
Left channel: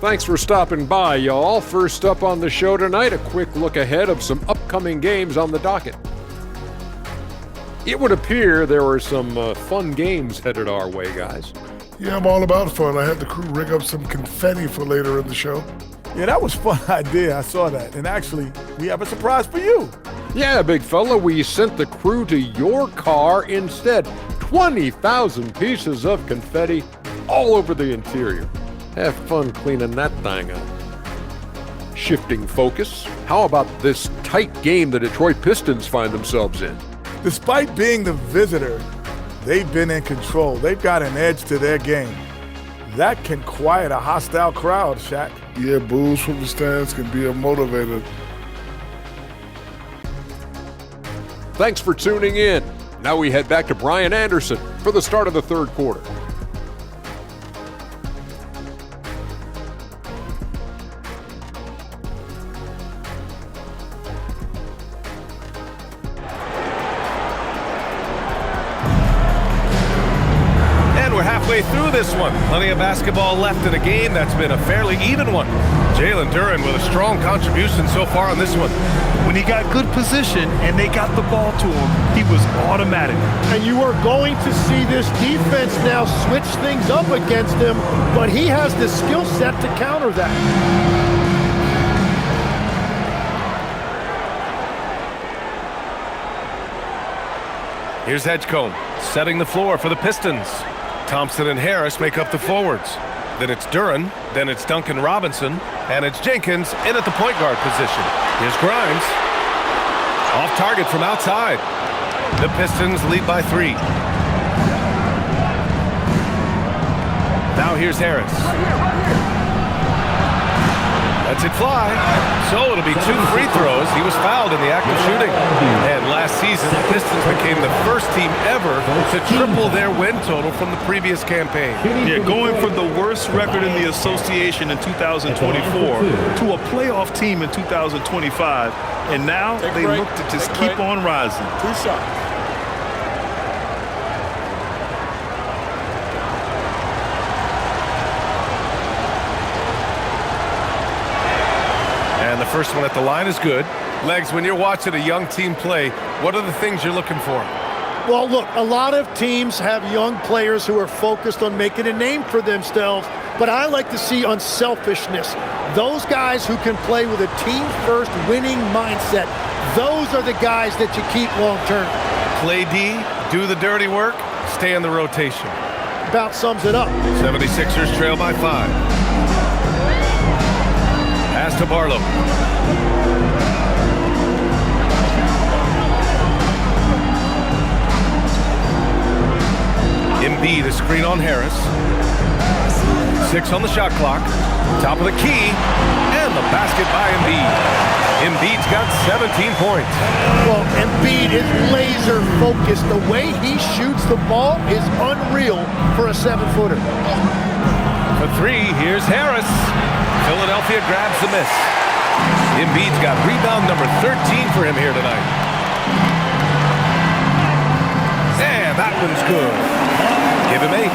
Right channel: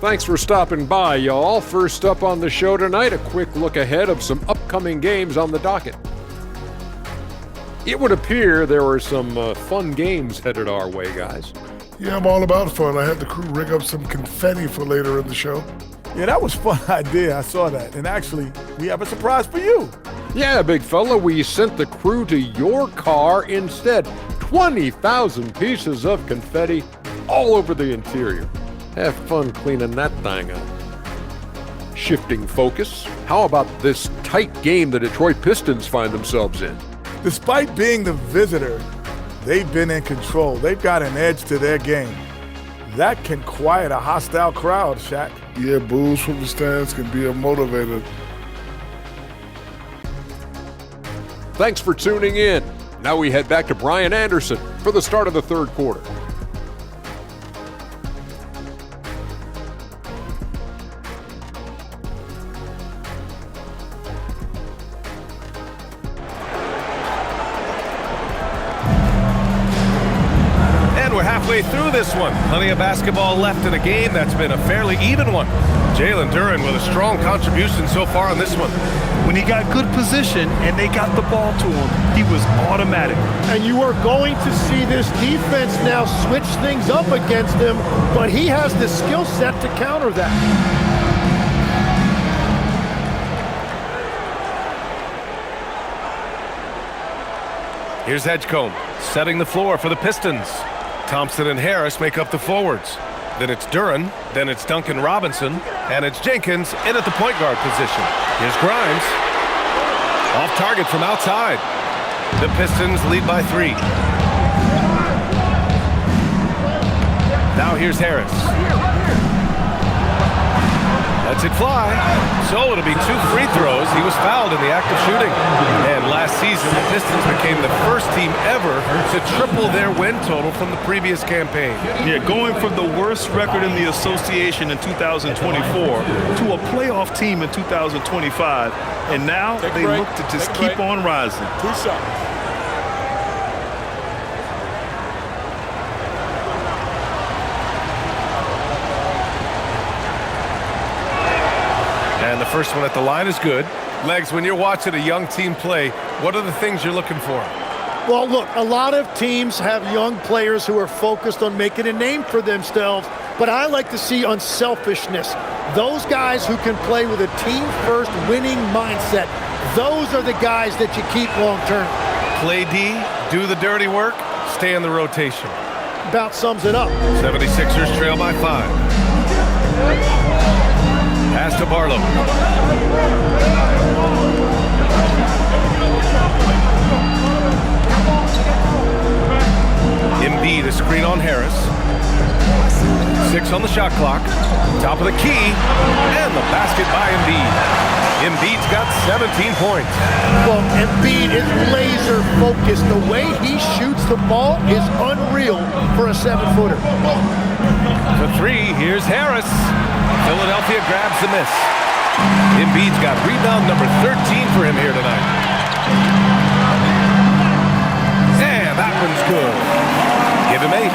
Thanks for stopping by, y'all. First up on the show tonight, a quick look ahead of some upcoming games on the docket. It would appear there were some fun games headed our way, guys. Yeah, I'm all about fun. I had the crew rig up some confetti for later in the show. Yeah, that was a fun idea. I saw that. And actually, we have a surprise for you. Yeah, big fella, we sent the crew to your car instead. 20,000 pieces of confetti all over the interior. Have fun cleaning that thing up. Shifting focus, how about this tight game the Detroit Pistons find themselves in? Despite being the visitor, they've been in control. They've got an edge to their game. That can quiet a hostile crowd, Shaq. Yeah, boos from the stands can be a motivator. Thanks for tuning in. Now we head back to Brian Anderson for the start of the third quarter. We're halfway through this one. Plenty of basketball left in a game that's been a fairly even one. Jalen Duren with a strong contribution so far on this one. When he got good position and they got the ball to him, he was automatic. And you are going to see this defense now switch things up against him, but he has the skill set to counter that. Here's Edgecombe setting the floor for the Pistons. Thompson and Harris make up the forwards. then it's Duren, then it's Duncan Robinson, and it's Jenkins in at the point guard position. Here's Grimes. Off target from outside. The Pistons lead by 3. Now here's Harris. Lets it fly. So it'll be 2 free throws. He was fouled in the act of shooting. And last season, the Pistons became the first team ever to triple their win total from the previous campaign. Yeah, going from the worst record in the association in 2024 to a playoff team in 2025. And now they look to just keep on rising. 2 shots. And the first one at the line is good. Legs, when you're watching a young team play, what are the things you're looking for? Well, look, a lot of teams have young players who are focused on making a name for themselves, but I like to see unselfishness. Those guys who can play with a team-first winning mindset, those are the guys that you keep long-term. Play D, do the dirty work, stay in the rotation. About sums it up. 76ers trail by 5. Pass to Barlow. Embiid, a screen on Harris. 6 on the shot clock. Top of the key. And the basket by Embiid. Embiid's got 17 points. Well, Embiid is laser focused. The way he shoots the ball is unreal for a 7-footer. For 3, here's Harris. Philadelphia grabs the miss. Embiid's got rebound number 13 for him here tonight. And that one's good. Give him 8.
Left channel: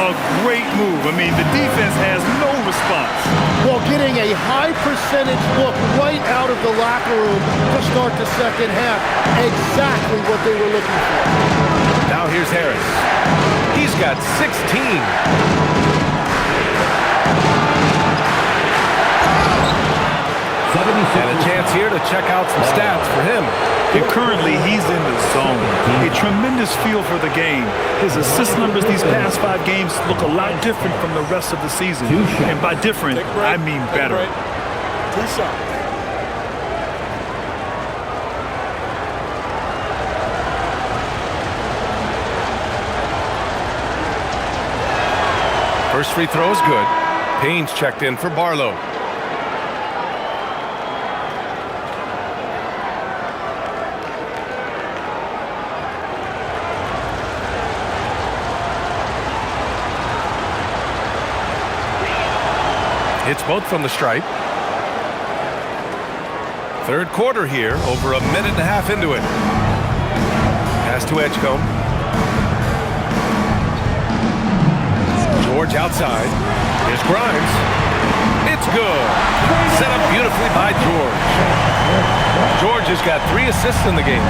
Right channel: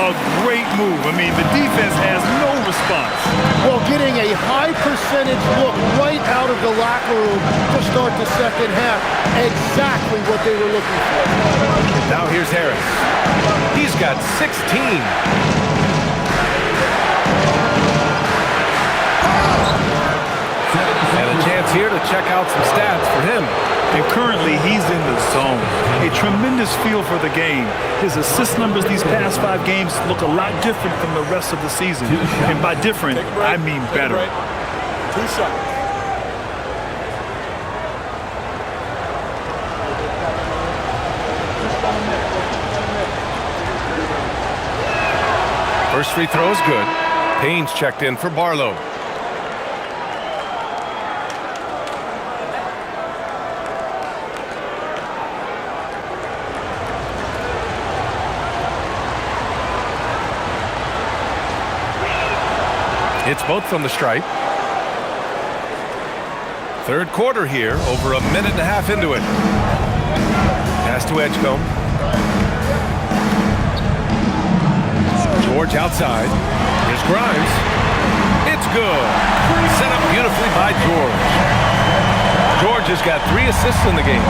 A great move. I mean, the defense has no response. Well, getting a high percentage look right out of the locker room to start the second half. Exactly what they were looking for. Now here's Harris. He's got 16. And a chance here to check out some stats for him. And currently, he's in the zone. A tremendous feel for the game. His assist numbers these past 5 games look a lot different from the rest of the season. And by different, I mean better. 2 shots. First free throw is good. Payne's checked in for Barlow. Hits both from the stripe. Third quarter here, over a minute and a half into it. Pass to Edgecombe. George outside. Here's Grimes. It's good. Set up beautifully by George. George has got 3 assists in the game.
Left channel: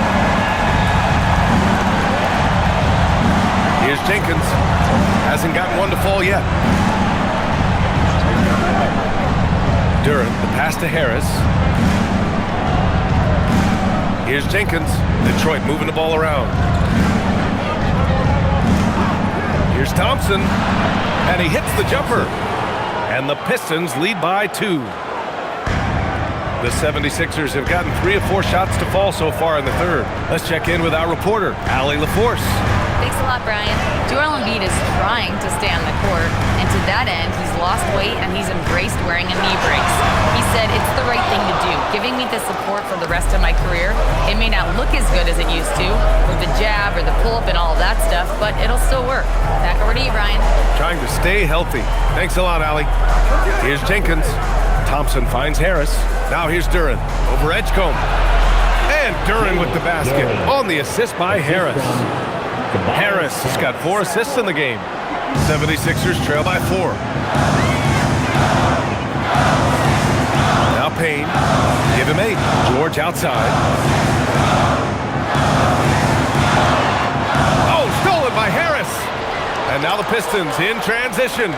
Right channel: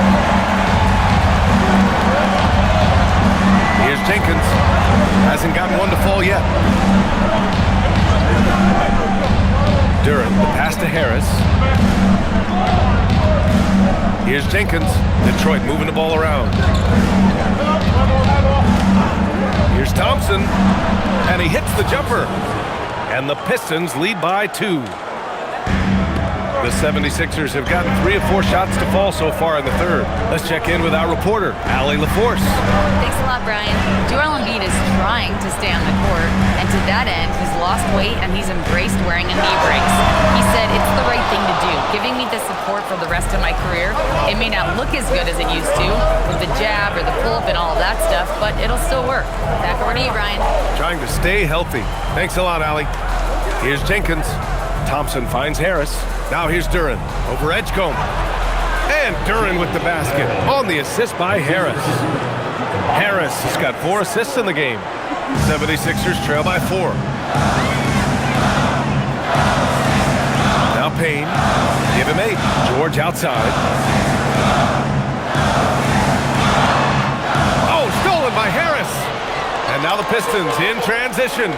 Here's Jenkins. Hasn't gotten one to fall yet. Duren, the pass to Harris. Here's Jenkins. Detroit moving the ball around. Here's Thompson. And he hits the jumper. And the Pistons lead by 2. The 76ers have gotten 3 of 4 shots to fall so far in the third. Let's check in with our reporter, Allie LaForce. Thanks a lot, Brian. Joel Embiid is trying to stay on the court, and to that end, he's lost weight and he's embraced wearing a knee brace. He said, "It's the right thing to do, giving me the support for the rest of my career. It may not look as good as it used to, with the jab or the pull-up and all of that stuff, but it'll still work." Back over to you, Brian. Trying to stay healthy. Thanks a lot, Allie. Here's Jenkins. Thompson finds Harris. Now here's Duren over Edgecombe. And Duren with the basket on the assist by Harris. Harris has got 4 assists in the game. 76ers trail by 4. Now Payne. Give him 8. George outside. Oh, stolen by Harris. And now the Pistons in transition.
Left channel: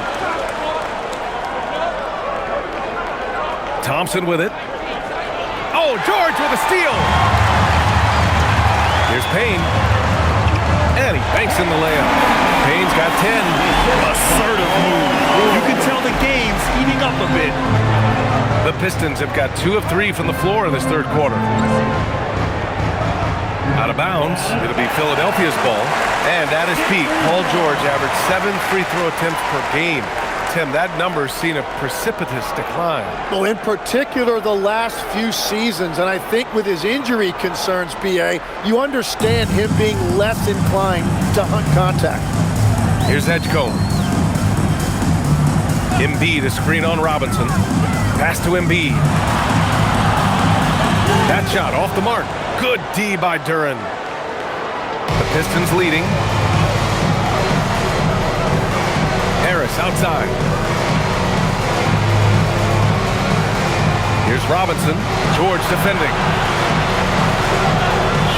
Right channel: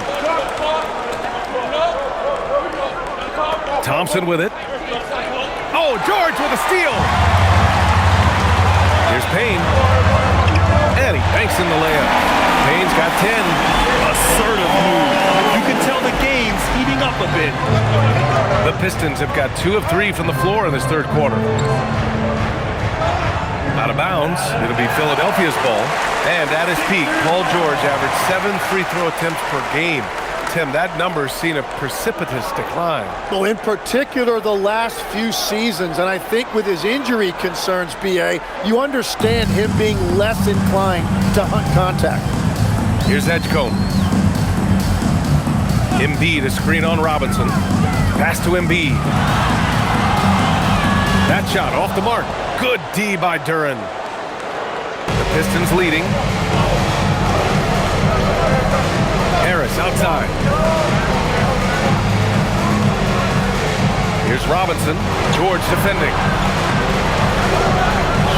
Thompson with it. Oh, George with a steal. Here's Payne. And he banks in the layup. Payne's got 10. Assertive move. You the game's heating up a bit. The Pistons have got 2 of 3 from the floor in this third quarter. Out of bounds, it'll be Philadelphia's ball. And at his peak, Paul George averaged 7 free throw attempts per game. Tim, that number's seen a precipitous decline. Well, in particular, the last few seasons, and I think with his injury concerns, B.A., you understand him being less inclined to hunt contact. Here's Edgecombe. Embiid, a screen on Robinson. Pass to Embiid. That shot off the mark. Good D by Duren. The Pistons leading. Harris outside. Here's Robinson. George defending.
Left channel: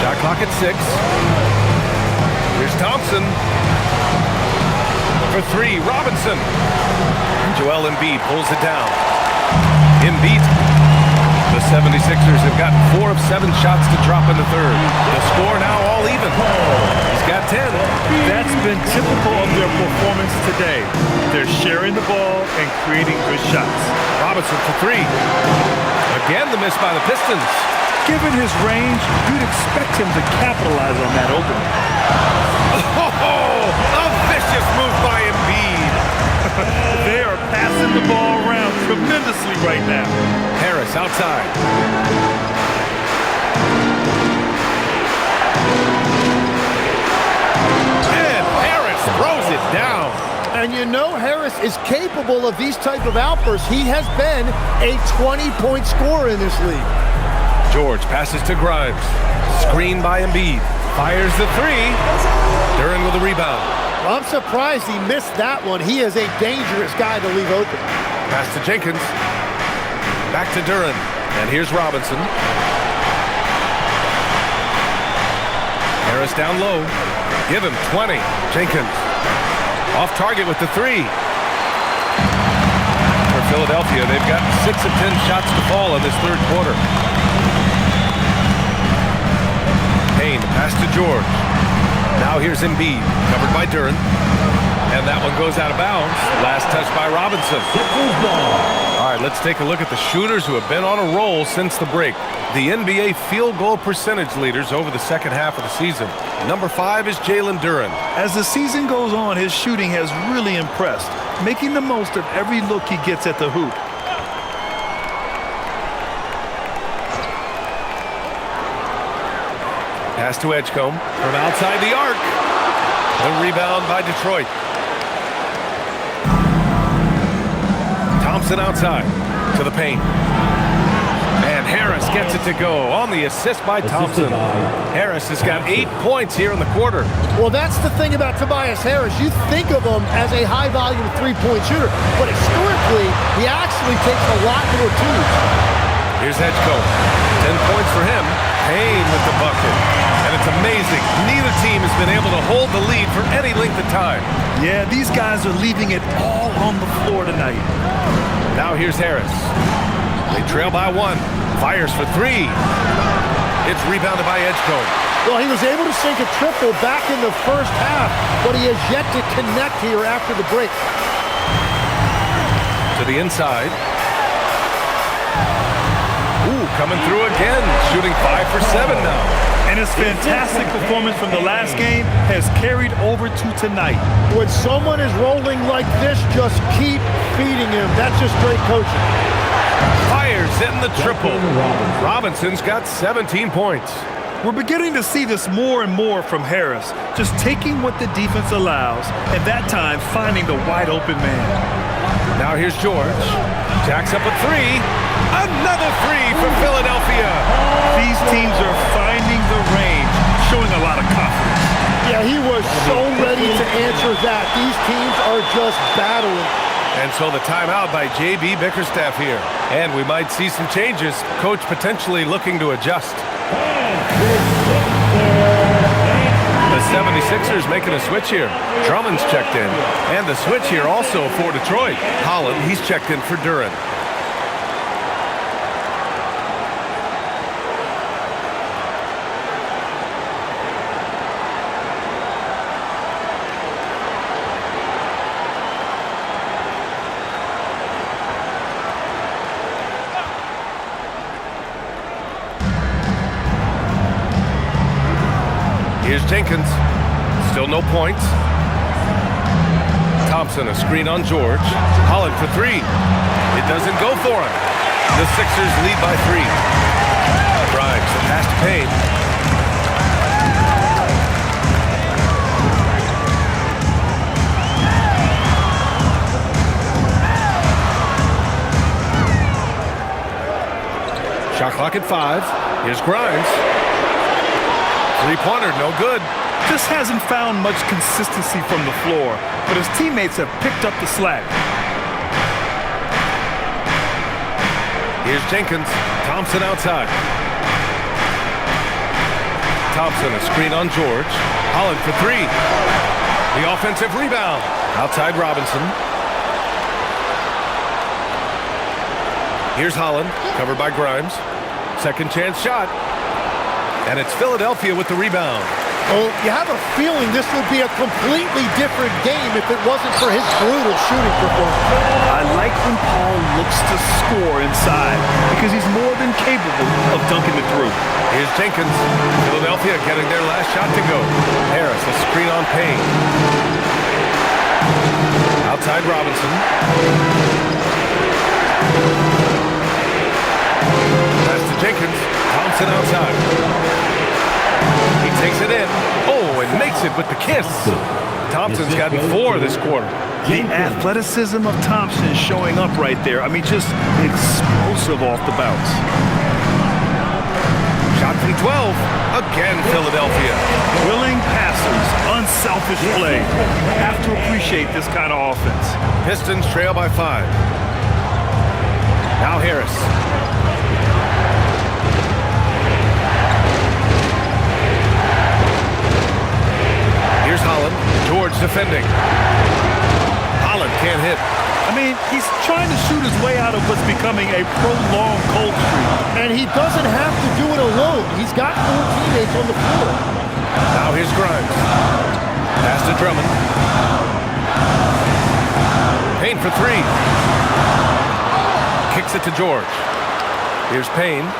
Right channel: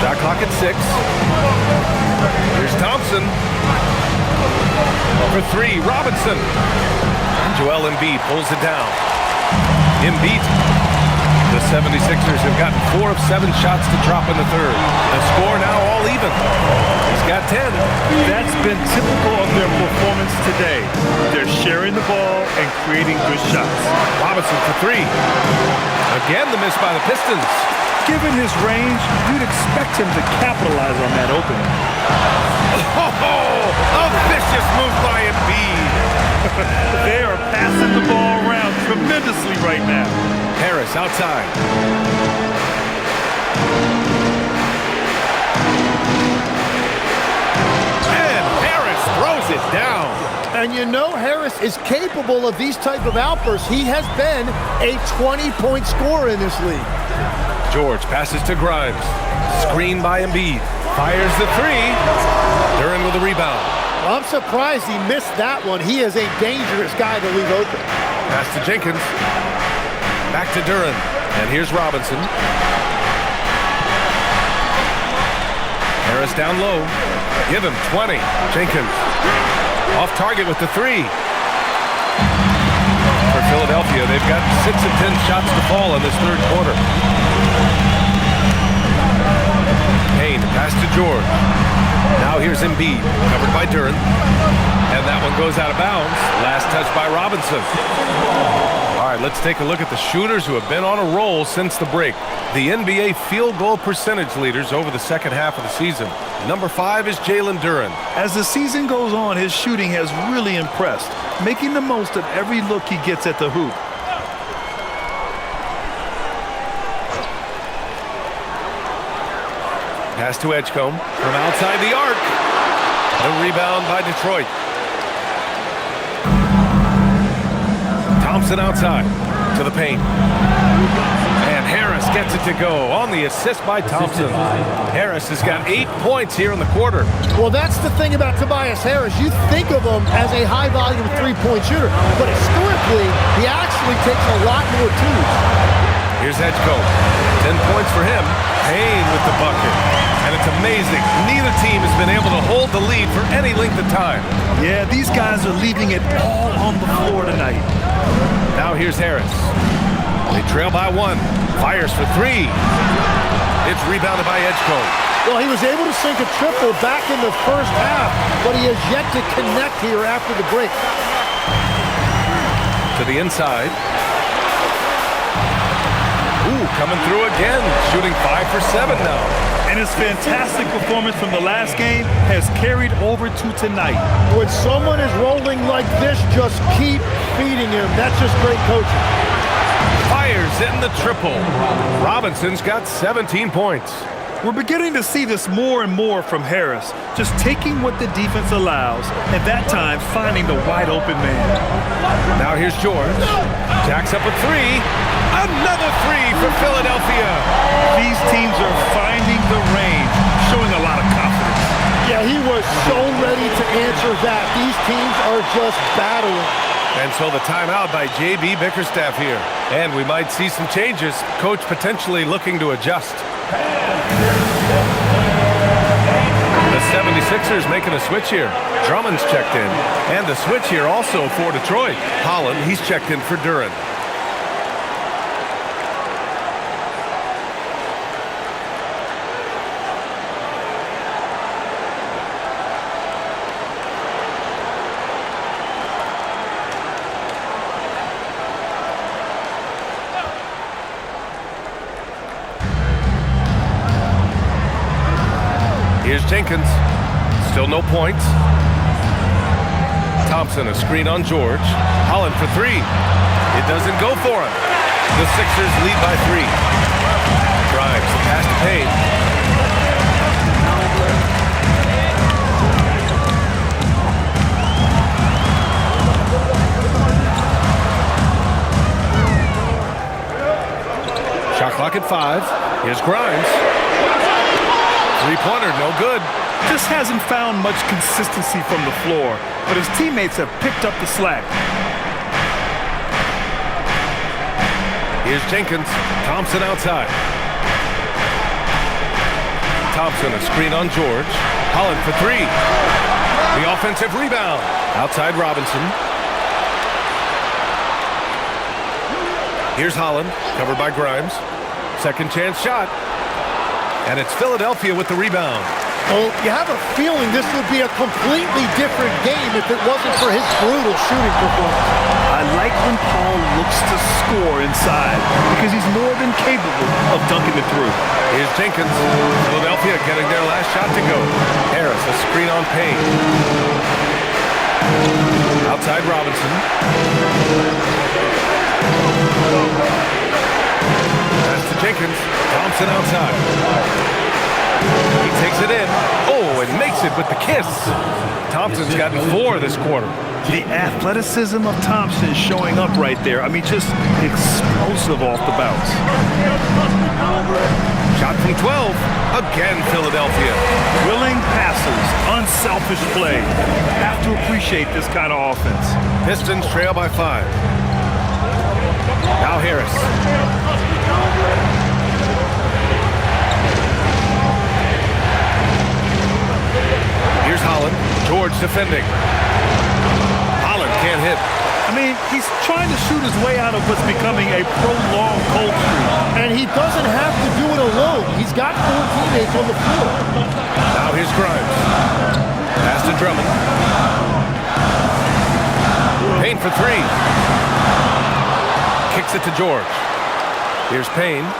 Shot clock at 6. Here's Thompson. For 3, Robinson. And Joel Embiid pulls it down. Embiid. The 76ers have gotten 4 of 7 shots to drop in the third. The score now all even. He's got 10. That's been typical of their performance today. They're sharing the ball and creating good shots. Robinson for 3. Again, the miss by the Pistons. Given his range, you'd expect him to capitalize on that opening. Oh, a vicious move by Embiid. They are passing the ball around tremendously right now. Harris outside. And Harris throws it down. And you know Harris is capable of these type of outbursts. He has been a 20-point scorer in this league. George passes to Grimes. Screen by Embiid. Fires the 3. Duren with a rebound. Well, I'm surprised he missed that one. He is a dangerous guy to leave open. Pass to Jenkins. Back to Duren. And here's Robinson. Harris down low. Give him 20. Jenkins. Off target with the 3. For Philadelphia, they've got 6 of 10 shots to fall in this third quarter. Payne, pass to George. Now here's Embiid, covered by Duren. And that one goes out of bounds. Last touch by Robinson. All right, let's take a look at the shooters who have been on a roll since the break. The NBA field goal percentage leaders over the second half of the season. Number 5 is Jalen Duren. As the season goes on, his shooting has really impressed, making the most of every look he gets at the hoop. Pass to Edgecombe from outside the arc. The rebound by Detroit. Thompson outside to the paint. And Harris gets it to go on the assist by Thompson. Harris has got 8 points here in the quarter. Well, that's the thing about Tobias Harris. You think of him as a high-volume three-point shooter, but historically, he actually takes a lot more twos. Here's Edgecombe. 10 points for him. Payne with the bucket. And it's amazing. Neither team has been able to hold the lead for any length of time. Yeah, these guys are leaving it all on the floor tonight. Now here's Harris. They trail by 1. Fires for 3. It's rebounded by Edgecombe. Well, he was able to sink a triple back in the first half, but he has yet to connect here after the break. To the inside. Ooh, coming through again. Shooting 5 for 7 now. And his fantastic performance from the last game has carried over to tonight. When someone is rolling like this, just keep feeding him. That's just great coaching. Fires in the triple. Robinson's got 17 points. We're beginning to see this more and more from Harris, just taking what the defense allows, and that time finding the wide open man. Now here's George. Jacks up a 3. Another 3 for Philadelphia. These teams are finding the range, showing a lot of confidence. Yeah, he was so ready to answer that. These teams are just battling. And so the timeout by J.B. Bickerstaff here. And we might see some changes. Coach potentially looking to adjust. The 76ers making a switch here. Drummond's checked in. And the switch here also for Detroit. Holland, he's checked in for Duren. Here's Jenkins. Still no points. Thompson, a screen on George. Holland for three. It doesn't go for him. The Sixers lead by 3. Grimes, the pass to Payne. Shot clock at 5. Here's Grimes. Three-pointer, no good. Just hasn't found much consistency from the floor, but his teammates have picked up the slack. Here's Jenkins. Thompson outside. Thompson, a screen on George. Holland for 3. The offensive rebound. Outside Robinson. Here's Holland, covered by Grimes. Second chance shot. And it's Philadelphia with the rebound. Well, you have a feeling this would be a completely different game if it wasn't for his brutal shooting performance. I like when Paul looks to score inside because he's more than capable of dunking it through. Here's Jenkins. Philadelphia getting their last shot to go. Harris, a screen on Payne. Outside Robinson. Pass to Jenkins. Thompson outside. He takes it in. Oh, and makes it with the kiss. Thompson's gotten 4 this quarter. The athleticism of Thompson showing up right there. I mean, just explosive off the bounce. Shot from 12. Again, Philadelphia. Willing passes, unselfish play. You have to appreciate this kind of offense. Pistons trail by 5. Now Harris. Here's Holland. George defending. Holland can't hit. I mean, he's trying to shoot his way out of what's becoming a prolonged cold streak. And he doesn't have to do it alone. He's got 4 teammates on the floor. Now here's Grimes. Pass to Drummond. Payne for 3. Kicks it to George. Here's Payne.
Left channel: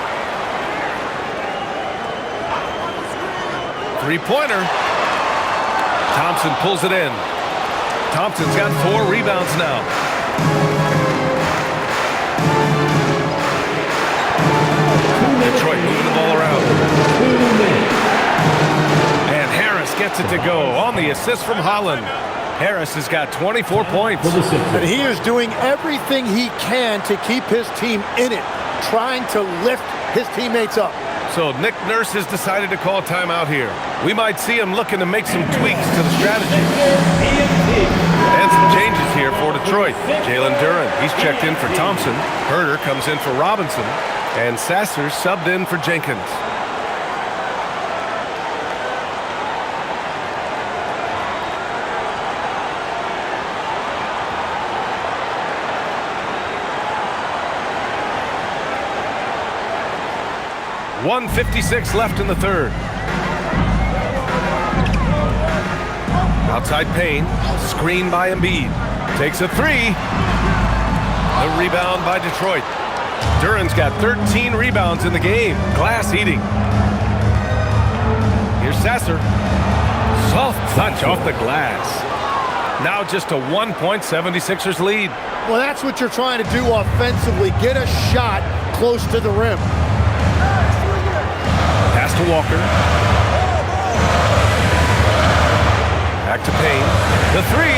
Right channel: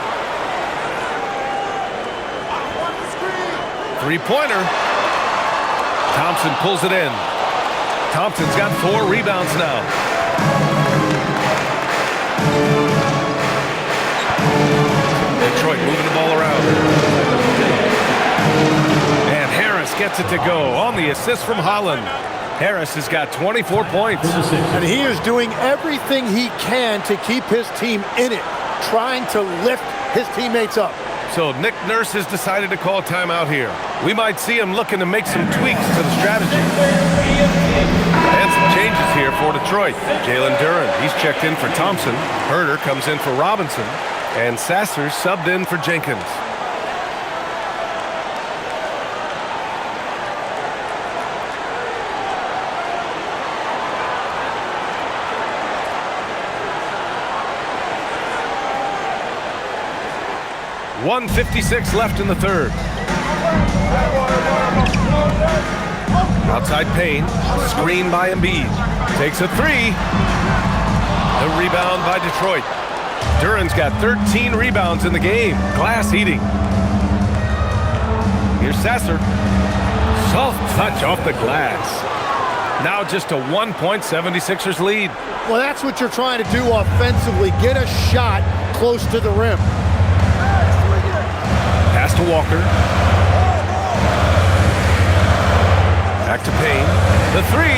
Three-pointer. Thompson pulls it in. Thompson's got 4 rebounds now. Detroit moving the ball around. And Harris gets it to go on the assist from Holland. Harris has got 24 points. And he is doing everything he can to keep his team in it, trying to lift his teammates up. So Nick Nurse has decided to call timeout here. We might see him looking to make some tweaks to the strategy. And some changes here for Detroit. Jalen Duren, he's checked in for Thompson. Herter comes in for Robinson. And Sasser subbed in for Jenkins. .156 left in the third. Outside Payne, screen by Embiid. Takes a 3. The rebound by Detroit. Duren's got 13 rebounds in the game. Glass eating. Here's Sasser. Soft touch off the glass. Now just a 1-point 76ers lead. Well, that's what you're trying to do offensively. Get a shot close to the rim. Pass to Walker. Back to Payne. The 3.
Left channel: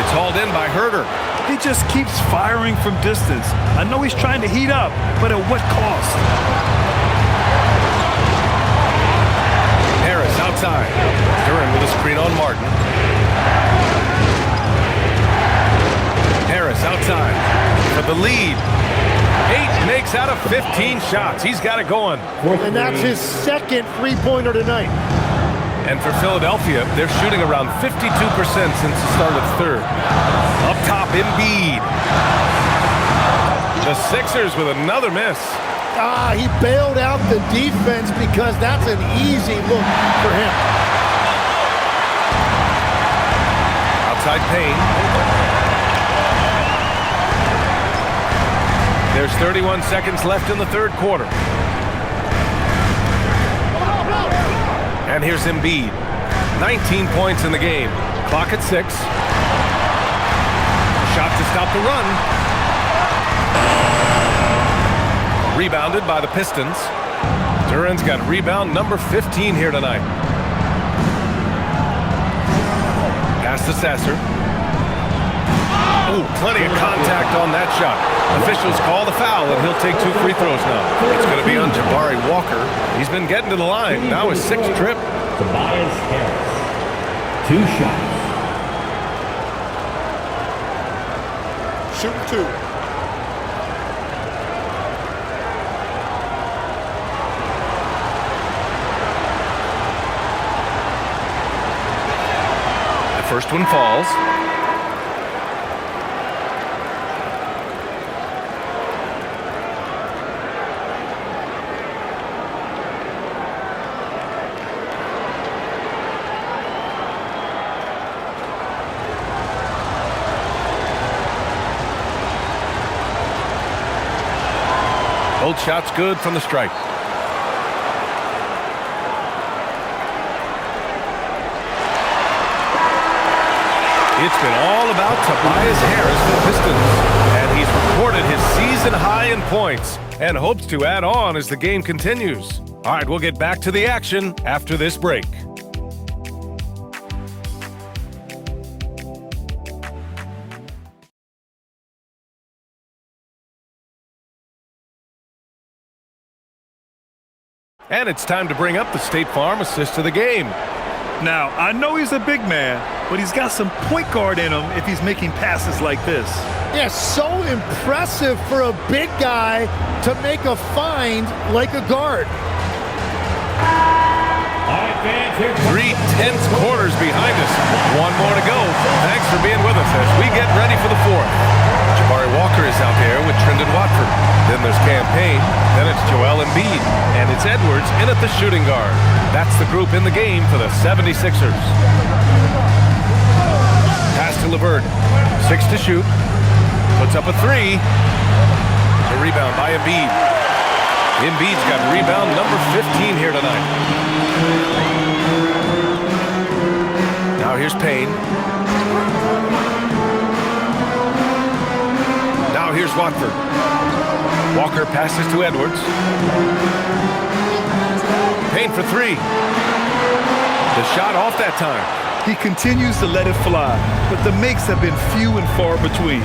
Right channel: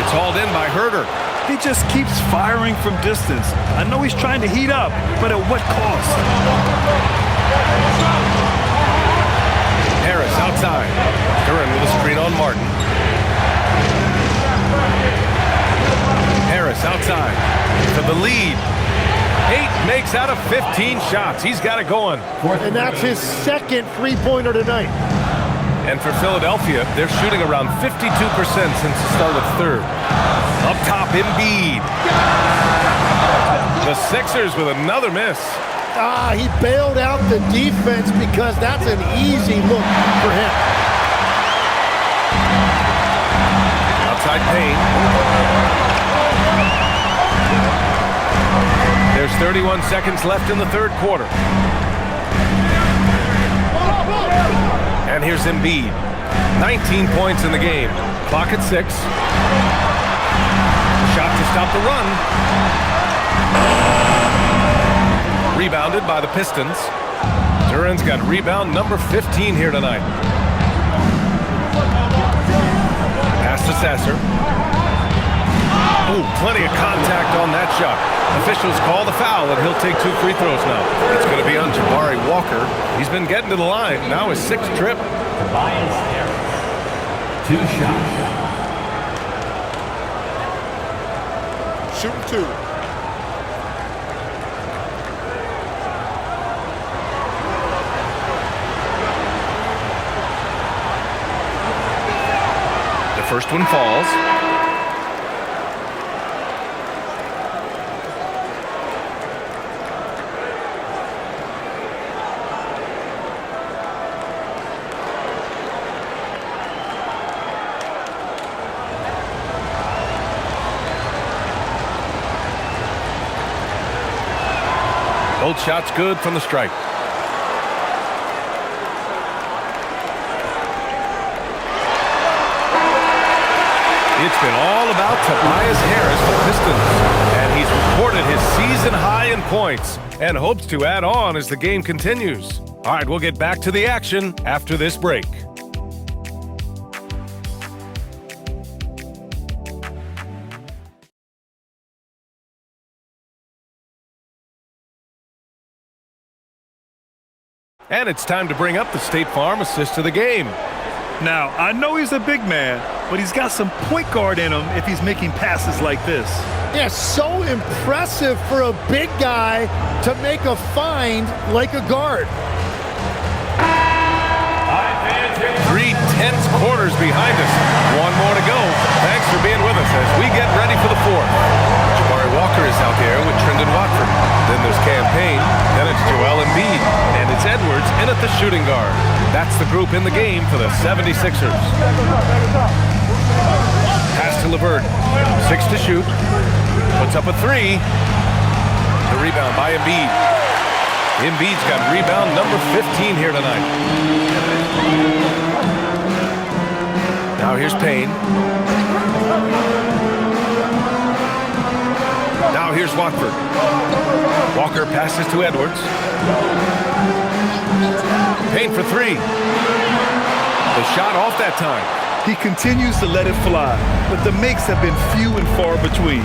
It's hauled in by Herter. He just keeps firing from distance. I know he's trying to heat up, but at what cost? Harris outside. Duren with a screen on Martin. Harris outside for the lead. 8 makes out of 15 shots. He's got it going. And that's his second three-pointer tonight. And for Philadelphia, they're shooting around 52% since the start of third. Up top, Embiid. The Sixers with another miss. He bailed out the defense because that's an easy look for him. Outside Payne. There's 31 seconds left in the third quarter. And here's Embiid. 19 points in the game. Clock at 6. Shot to stop the run. Rebounded by the Pistons. Duran's got rebound number 15 here tonight. Pass to Sasser. Ooh, plenty of contact on that shot. Officials call the foul, and he'll take 2 free throws now. It's going to be on Jabari Walker. He's been getting to the line. Now his 6th trip. Tobias Harris. 2 shots. Shooting 2. The first one falls. Both shots good from the strike. It's been all about Tobias Harris for the Pistons, and he's recorded his season high in points and hopes to add on as the game continues. All right, we'll get back to the action after this break. And it's time to bring up the State Farm assist of the game. Now, I know he's a big man, but he's got some point guard in him if he's making passes like this. Yeah, so impressive for a big guy to make a find like a guard. 3 tense quarters behind us. One more to go. Thanks for being with us as we get ready for the 4th. Jabari Walker is out there with Trendon Watford. Then there's Cam Payne. Then it's Joel Embiid. And it's Edwards in at the shooting guard. That's the group in the game for the 76ers. Pass to LeVert. 6 to shoot. Puts up a 3. The rebound by Embiid. Embiid's got rebound number 15 here tonight. Now here's Payne. Now here's Watford. Walker passes to Edwards. Payne for 3. The shot off that time. He continues to let it fly, but the makes have been few and far between.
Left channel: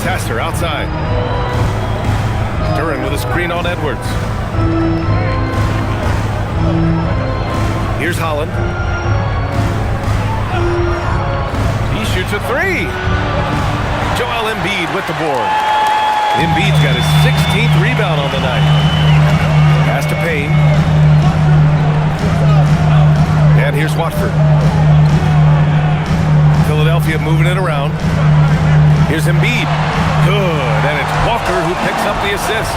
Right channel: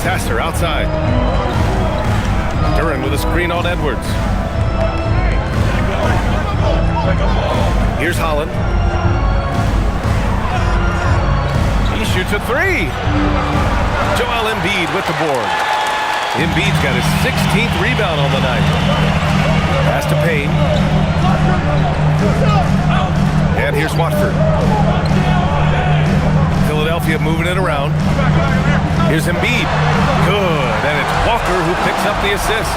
Sasser outside. Duran with a screen on Edwards. Here's Holland. He shoots a 3. Joel Embiid with the board. Embiid's got his 16th rebound on the night. Pass to Payne. And here's Watford. Philadelphia moving it around. Here's Embiid. Good. And it's Walker who picks up the assist.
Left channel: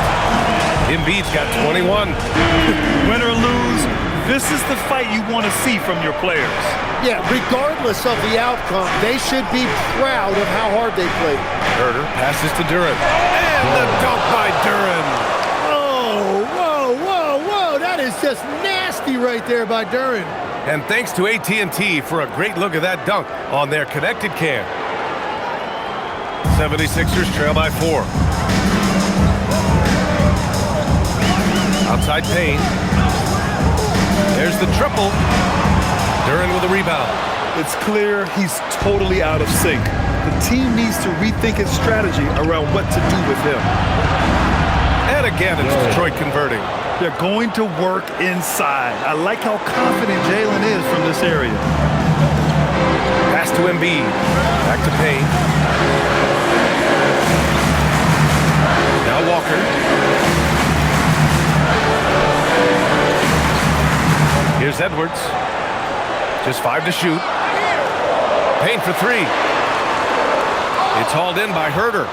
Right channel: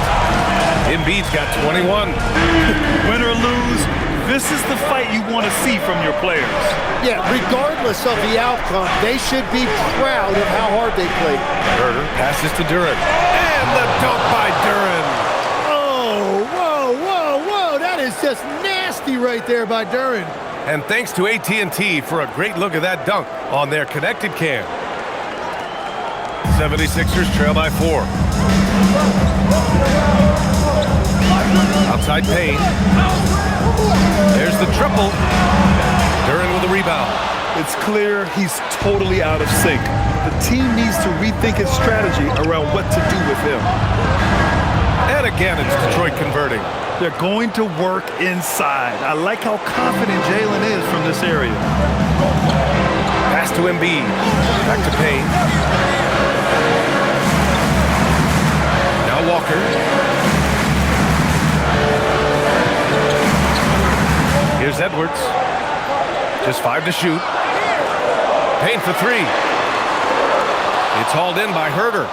Embiid's got 21. Win or lose, this is the fight you want to see from your players. Yeah, regardless of the outcome, they should be proud of how hard they played. Herter passes to Duran. And the dunk by Duran. Oh, whoa, whoa, whoa. That is just nasty right there by Duran. And thanks to AT&T for a great look at that dunk on their connected cam. 76ers trail by 4. Outside Payne. There's the triple. Duran with a rebound. It's clear he's totally out of sync. The team needs to rethink its strategy around what to do with him. And again, it's Detroit converting. They're going to work inside. I like how confident Jalen is from this area. Pass to Embiid. Back to Payne. Now Walker. Here's Edwards. Just 5 to shoot. Payne for 3. It's hauled in by Herter.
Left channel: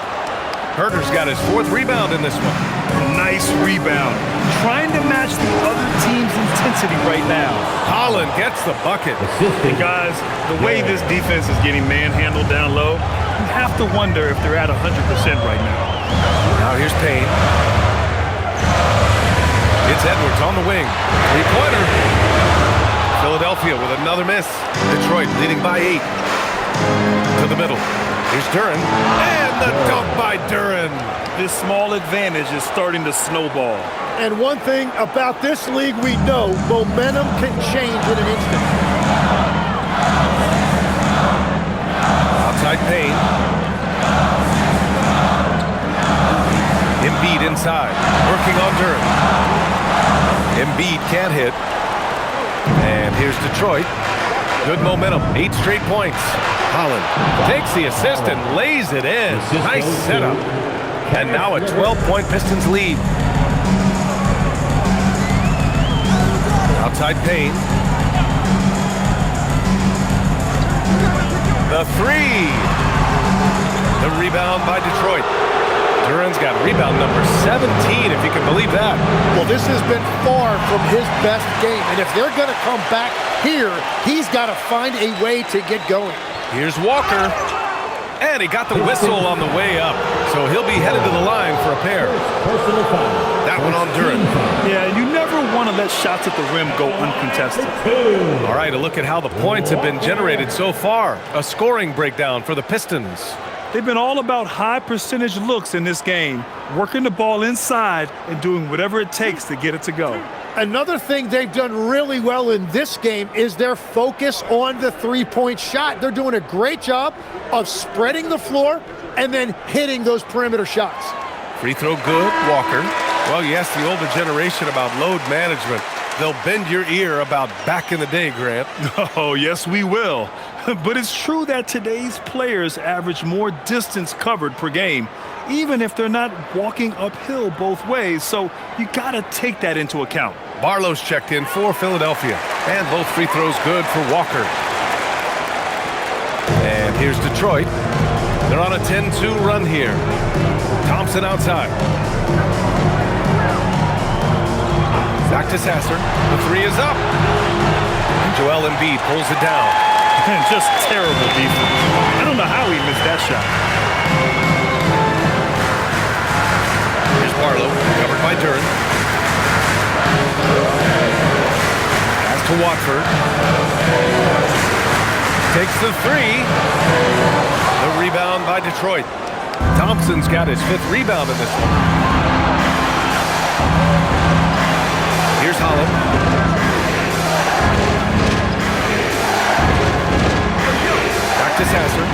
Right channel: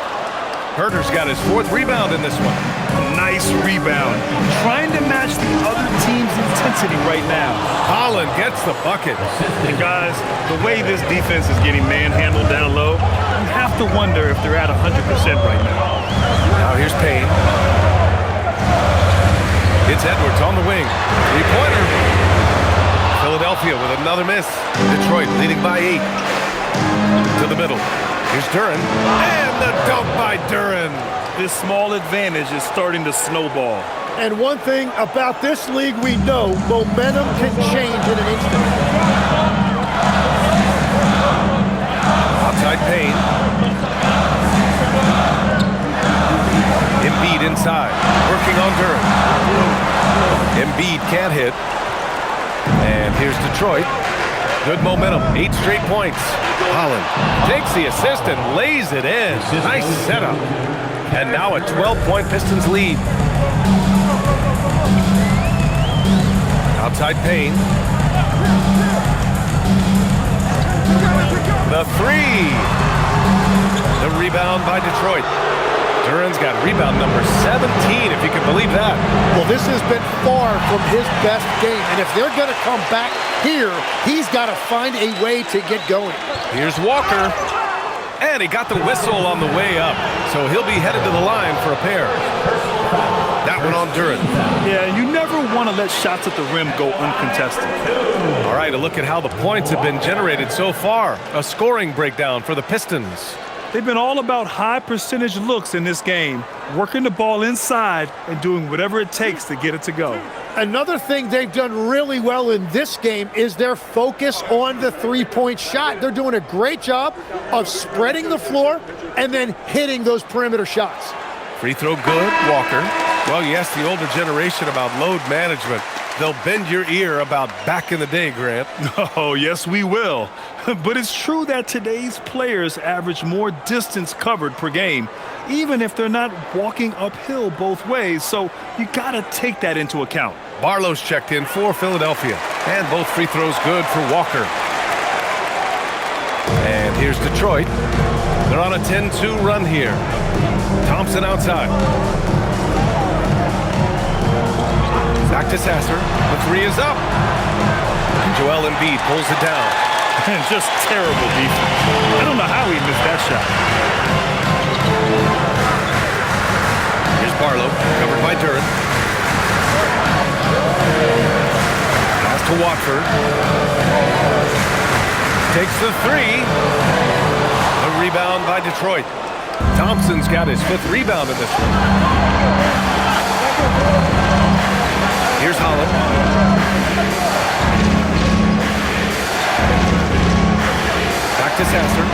Herter's got his 4th rebound in this one. Nice rebound. Trying to match the other team's intensity right now. Holland gets the bucket. And guys, the way this defense is getting manhandled down low, you have to wonder if they're at 100% right now. Now here's Payne. It's Edwards on the wing. Three-pointer. Philadelphia with another miss. Detroit leading by 8. To the middle. Here's Duren. And the dunk by Duren. This small advantage is starting to snowball. And one thing about this league we know, momentum can change in an instant. Outside Payne. Embiid inside. Working on Duren. Embiid can't hit. And here's Detroit. Good momentum. 8 straight points. Holland takes the assist and lays it in. Nice setup. And now a 12-point Pistons lead. Outside Payne. The three. The rebound by Detroit. Duren's got rebound number 17, if you can believe that. Well, this has been far from his best game, and if they're going to come back here, he's got to find a way to get going. Here's Walker, and he got the whistle on the way up, so he'll be headed to the line for a pair. That one on Duren. Yeah, you never want to let shots at the rim go uncontested. All right, a look at how the points have been generated so far. A scoring breakdown for the Pistons. They've been all about high percentage looks in this game, working the ball inside and doing whatever it takes to get it to go. Another thing they've done really well in this game is their focus on the three-point shot. They're doing a great job of spreading the floor and then hitting those perimeter shots. Free throw good, Walker. Well, you ask the older generation about load management. They'll bend your ear about back in the day, Grant. Oh, yes, we will. But it's true that today's players average more distance covered per game, even if they're not walking uphill both ways, so you got to take that into account. Barlow's checked in for Philadelphia, and both free throws good for Walker. And here's Detroit. They're on a 10-2 run here. Thompson outside. Back to Sasser. The three is up. And Joel Embiid pulls it down. And just terrible defense. I don't know how he missed that shot. Here's Barlow, covered by Duren. Pass to Watford. Takes the three. The rebound by Detroit. Thompson's got his 5th rebound in this one. Here's Holland. Back to Sasser.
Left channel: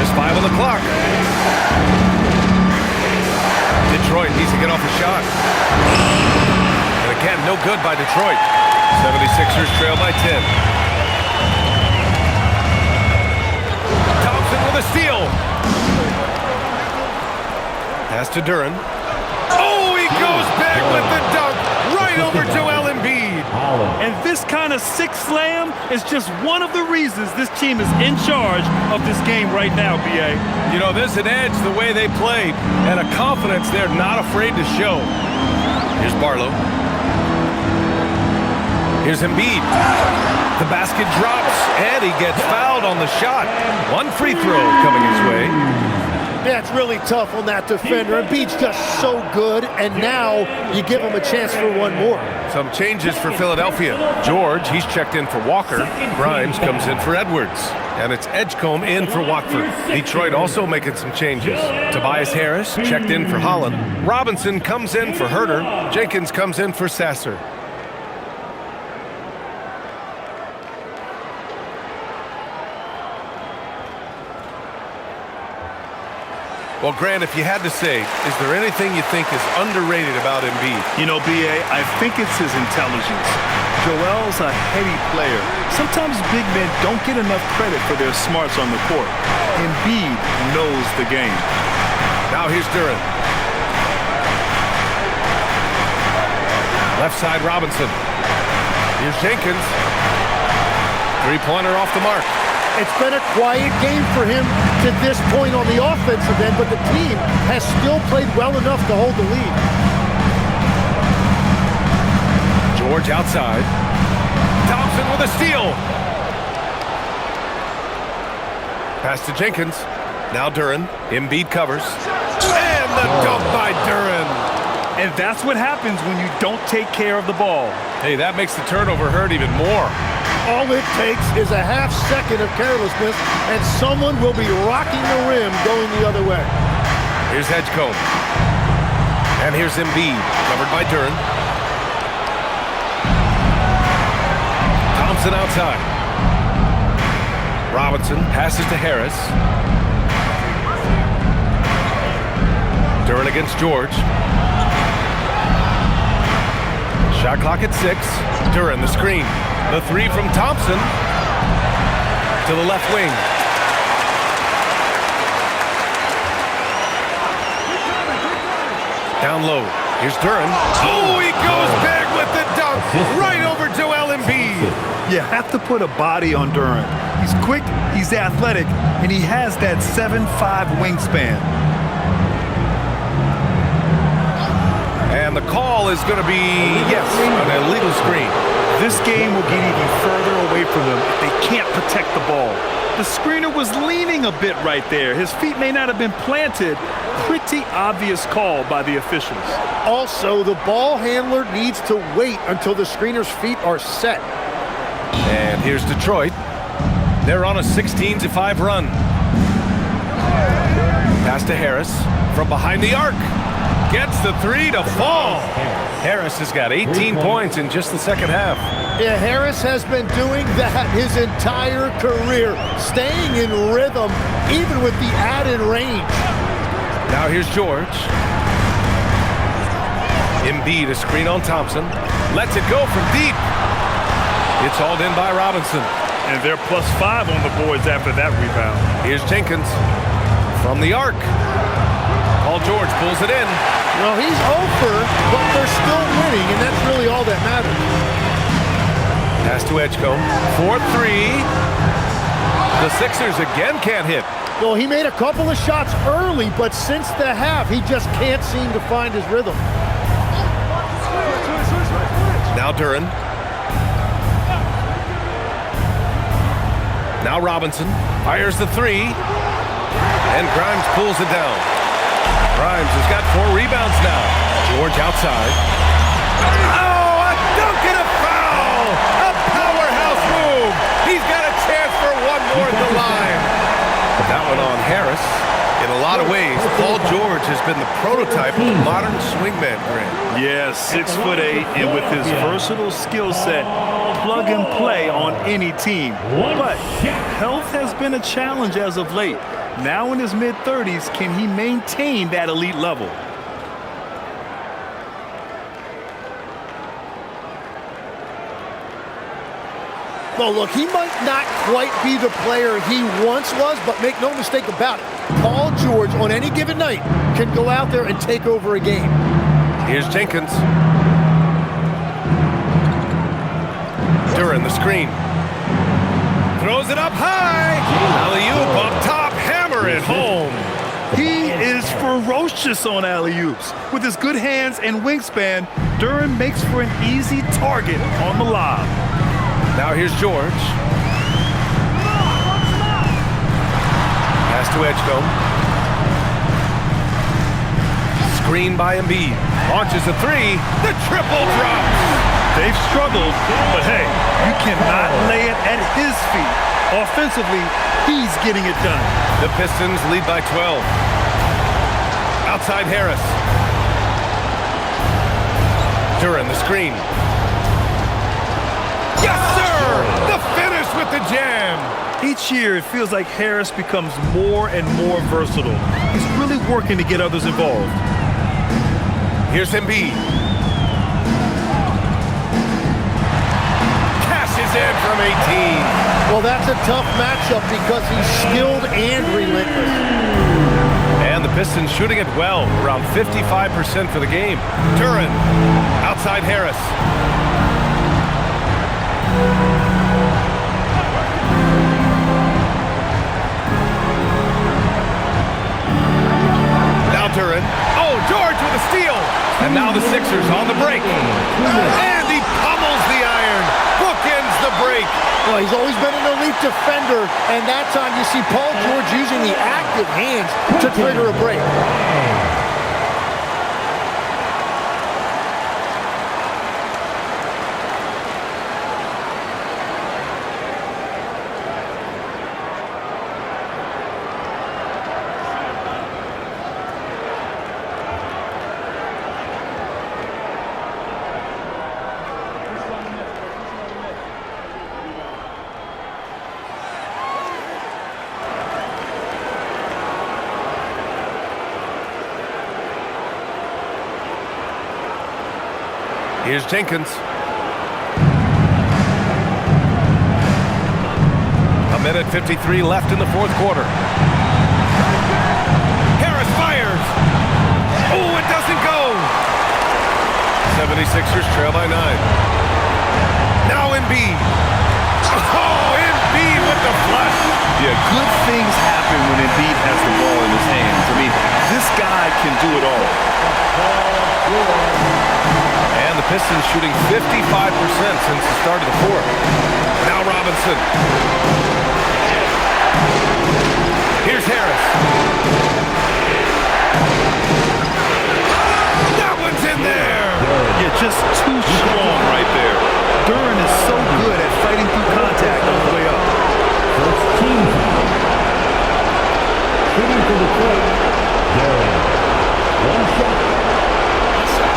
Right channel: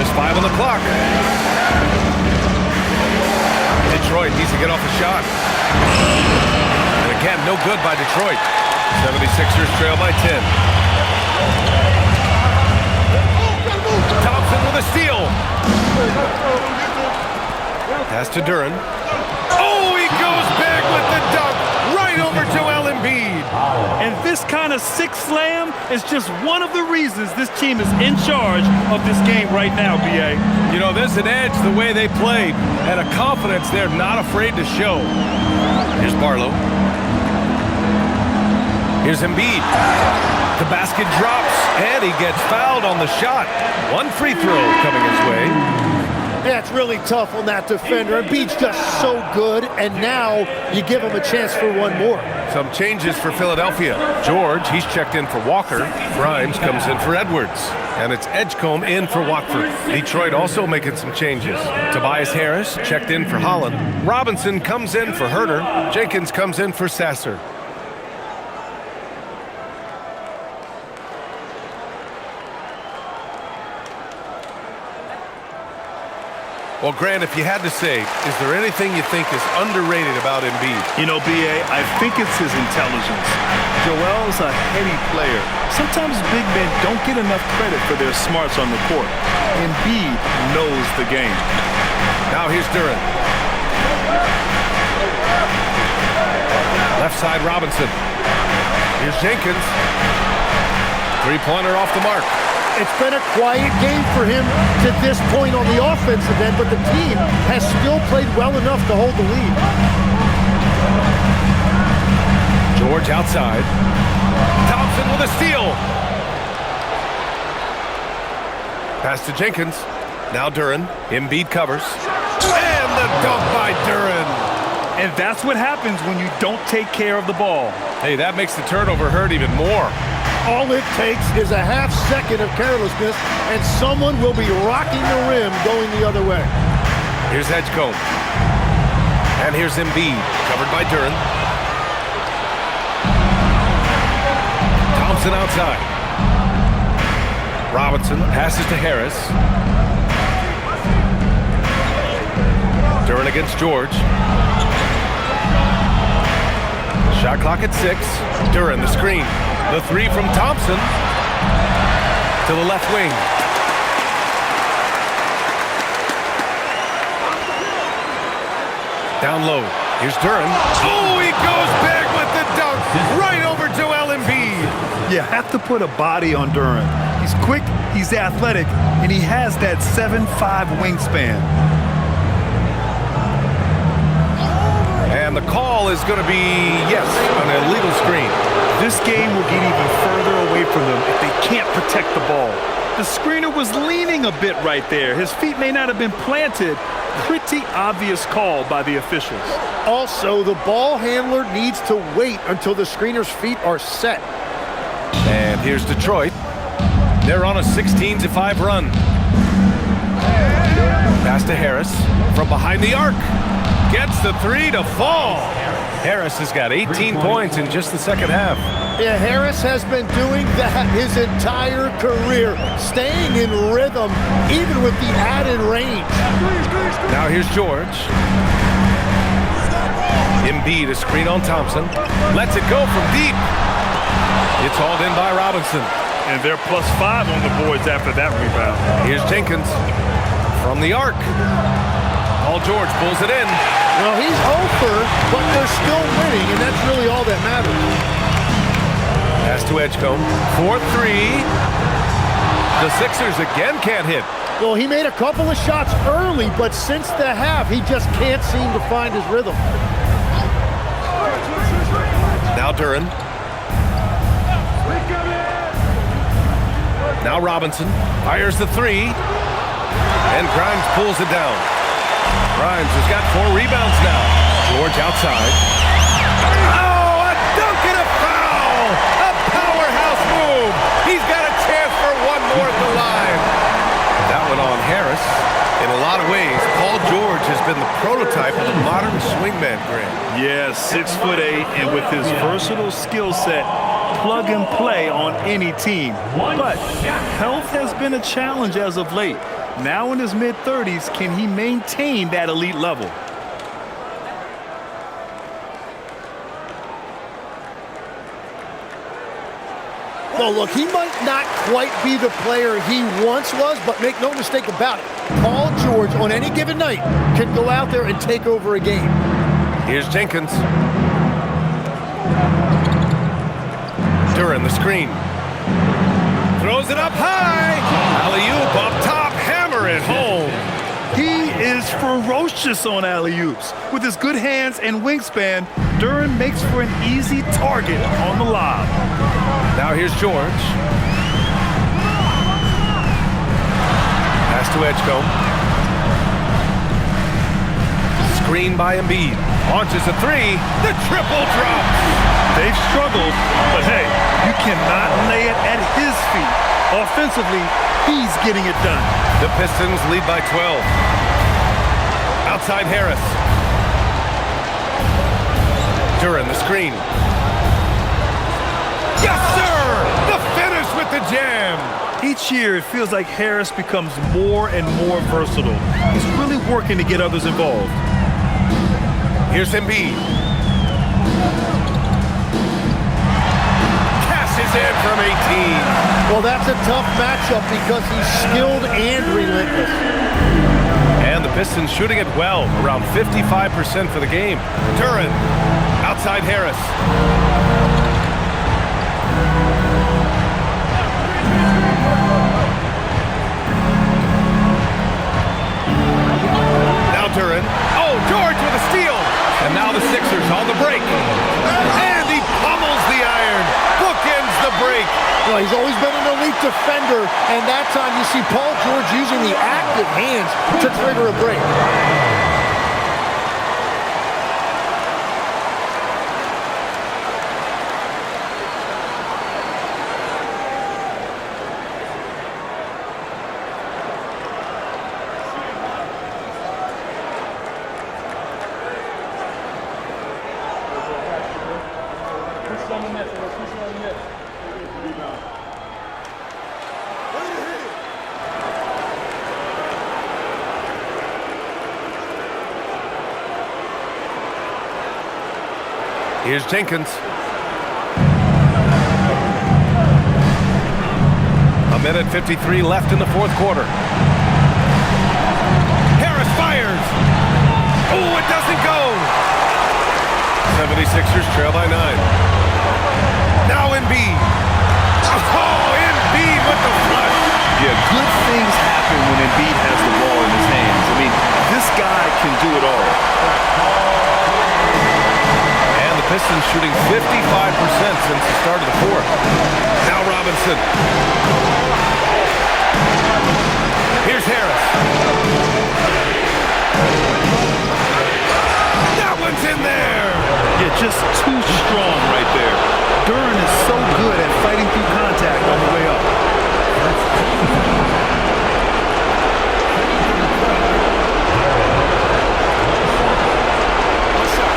Just 5 on the clock. Detroit needs to get off a shot. And again, no good by Detroit. 76ers trail by 10. Thompson with a steal. Pass to Duren. Oh, he goes back with the dunk right over Joel Embiid. And this kind of sick slam is just one of the reasons this team is in charge of this game right now, B.A. You know, there's an edge the way they played and a confidence they're not afraid to show. Here's Barlow. Here's Embiid. The basket drops, and he gets fouled on the shot. One free throw coming his way. Yeah, it's really tough on that defender. Embiid's just so good, and now you give him a chance for one more. Some changes for Philadelphia. George, he's checked in for Walker. Grimes comes in for Edwards. And it's Edgecombe in for Watford. Detroit also making some changes. Tobias Harris checked in for Holland. Robinson comes in for Herter. Jenkins comes in for Sasser. Well, Grant, if you had to say, is there anything you think is underrated about Embiid? You know, B.A., I think it's his intelligence. Joel's a heady player. Sometimes big men don't get enough credit for their smarts on the court. Embiid knows the game. Now here's Duren. Left side, Robinson. Here's Jenkins. Three-pointer off the mark. It's been a quiet game for him to this point on the offensive end, but the team has still played well enough to hold the lead. George outside. Thompson with a steal. Pass to Jenkins. Now Duren. Embiid covers. And the dunk by Duren. And that's what happens when you don't take care of the ball. Hey, that makes the turnover hurt even more. All it takes is a half second of carelessness, and someone will be rocking the rim going the other way. Here's Edgecombe. And here's Embiid, covered by Duren. Thompson outside. Robinson passes to Harris. Duren against George. Shot clock at 6. Duren, the screen. The three from Thompson to the left wing. Down low. Here's Duren. Oh, he goes big with the dunk right over Joel Embiid. You have to put a body on Duren. He's quick, he's athletic, and he has that 7'5" wingspan. And the call is going to be, yes, an illegal screen. This game will get even further away from them if they can't protect the ball. The screener was leaning a bit right there. His feet may not have been planted. Pretty obvious call by the officials. Also, the ball handler needs to wait until the screener's feet are set. And here's Detroit. They're on a 16-5 run. Pass to Harris from behind the arc. Gets the three to fall. Harris has got 18 points in just the second half. Yeah, Harris has been doing that his entire career, staying in rhythm, even with the added range. Now here's George. Embiid, a screen on Thompson. Lets it go from deep. It's hauled in by Robinson. And they're +5 on the boards after that rebound. Here's Jenkins from the arc. Paul George pulls it in. Well, he's over, but they're still winning, and that's really all that matters. Pass to Edgecombe. 4-3. The Sixers again can't hit. Well, he made a couple of shots early, but since the half, he just can't seem to find his rhythm. Now Duren. Now Robinson fires the three, and Grimes pulls it down. Grimes has got 4 rebounds now. George outside. Oh, a dunk and a foul! A powerhouse move! He's got a chance for one more at the line. That one on Harris. In a lot of ways, Paul George has been the prototype of the modern swingman, Grant. Yeah, 6'8", and with his versatile skill set, plug and play on any team. But health has been a challenge as of late. Now in his mid-30s, can he maintain that elite level? Well, look, he might not quite be the player he once was, but make no mistake about it. Paul George, on any given night, can go out there and take over a game. Here's Jenkins. Duren, the screen. Throws it up high. Alley-oop up top. Hammer it home. He is ferocious on alley-oops. With his good hands and wingspan, Duren makes for an easy target on the lob. Now here's George. Pass to Edgecombe. Screen by Embiid. Launches a three. The triple drops. They've struggled, but hey, you cannot lay it at his feet. Offensively, he's getting it done. The Pistons lead by 12. Outside Harris. Duren, the screen. Yes, sir! The finish with the jam. Each year, it feels like Harris becomes more and more versatile. He's really working to get others involved. Here's Embiid. Cashes in from 18. Well, that's a tough matchup because he's skilled and relentless. And the Pistons shooting it well, around 55% for the game. Duren, outside Harris. Now Duren. Oh, George with a steal. And now the Sixers on the break. And he pummels the iron. Bookends the break. Well, he's always been an elite defender, and that time you see Paul George using the active hands to trigger a break. Here's Jenkins. A minute 53 left in the fourth quarter. Harris fires. Oh, it doesn't go. 76ers trail by 9. Now Embiid. Oh, Embiid with the flush. Yeah, good things happen when Embiid has the ball in his hands. I mean, this guy can do it all. And the Pistons shooting 55% since the start of the fourth. Now Robinson. Here's Harris. That one's in there. Yeah, just too strong right there. Duren is so good at fighting through contact on the way up. First team foul. Shooting for Detroit. Duren. One shot. One shot.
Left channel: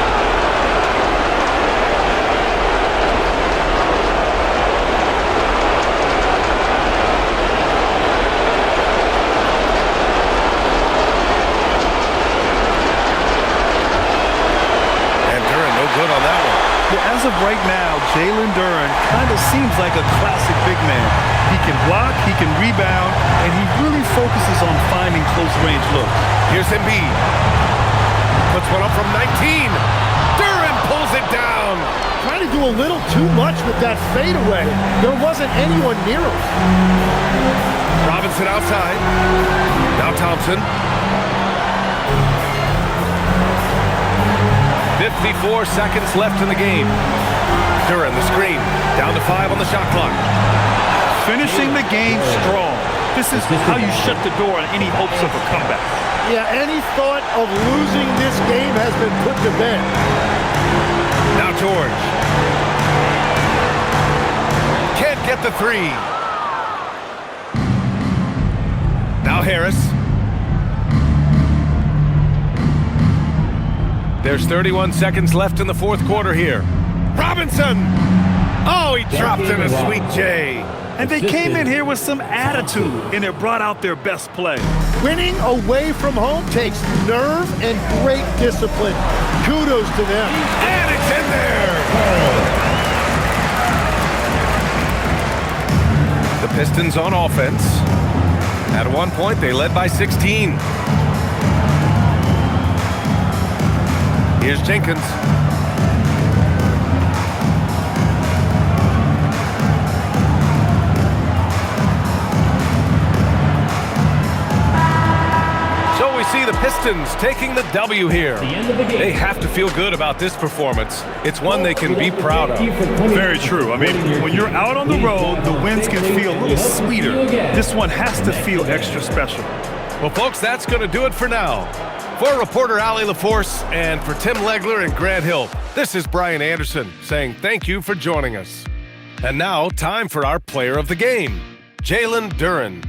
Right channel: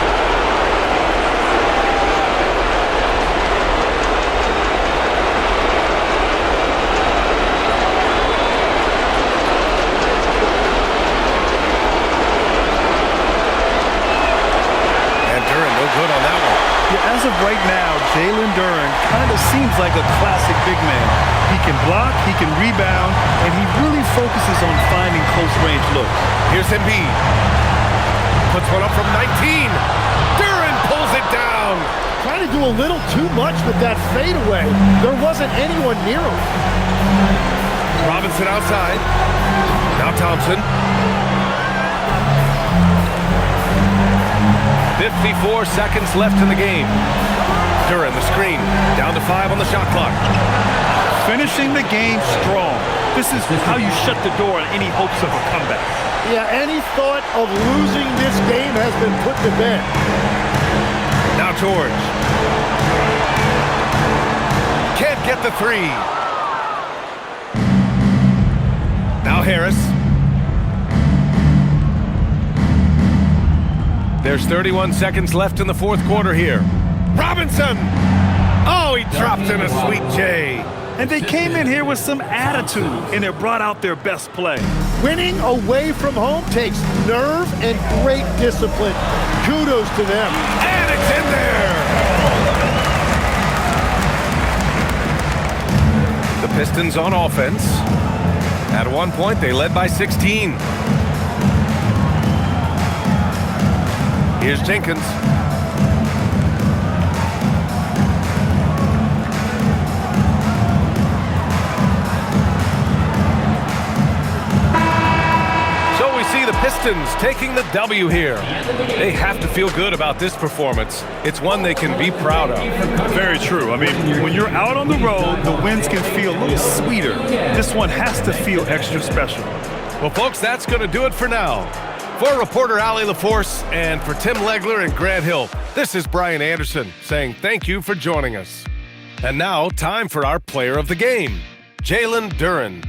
And Duren no good on that one. Yeah, as of right now, Jalen Duren kind of seems like a classic big man. He can block, he can rebound, and he really focuses on finding close-range looks. Here's Embiid. Puts one up from 19. Duren pulls it down. Trying to do a little too much with that fadeaway. There wasn't anyone near him. Robinson outside. Now Thompson. 54 seconds left in the game. Duren, the screen. Down to 5 on the shot clock. Finishing the game strong. This is how you shut the door on any hopes of a comeback. Yeah, any thought of losing this game has been put to bed. Now George. Can't get the 3. Now Harris. There's 31 seconds left in the fourth quarter here. Robinson! Oh, he dropped in a sweet J. And they came in here with some attitude, and it brought out their best play. Winning away from home takes nerve and great discipline. Kudos to them. And it's in there! The Pistons on offense. At one point, they led by 16. Here's Jenkins. So we see the Pistons taking the W here. They have to feel good about this performance. It's one they can be proud of. Very true. I mean, when you're out on the road, the wins can feel a little sweeter. This one has to feel extra special. Well, folks, that's going to do it for now. For reporter Allie LaForce and for Tim Legler and Grant Hill, this is Brian Anderson saying thank you for joining us. And now, time for our player of the game, Jalen Duren.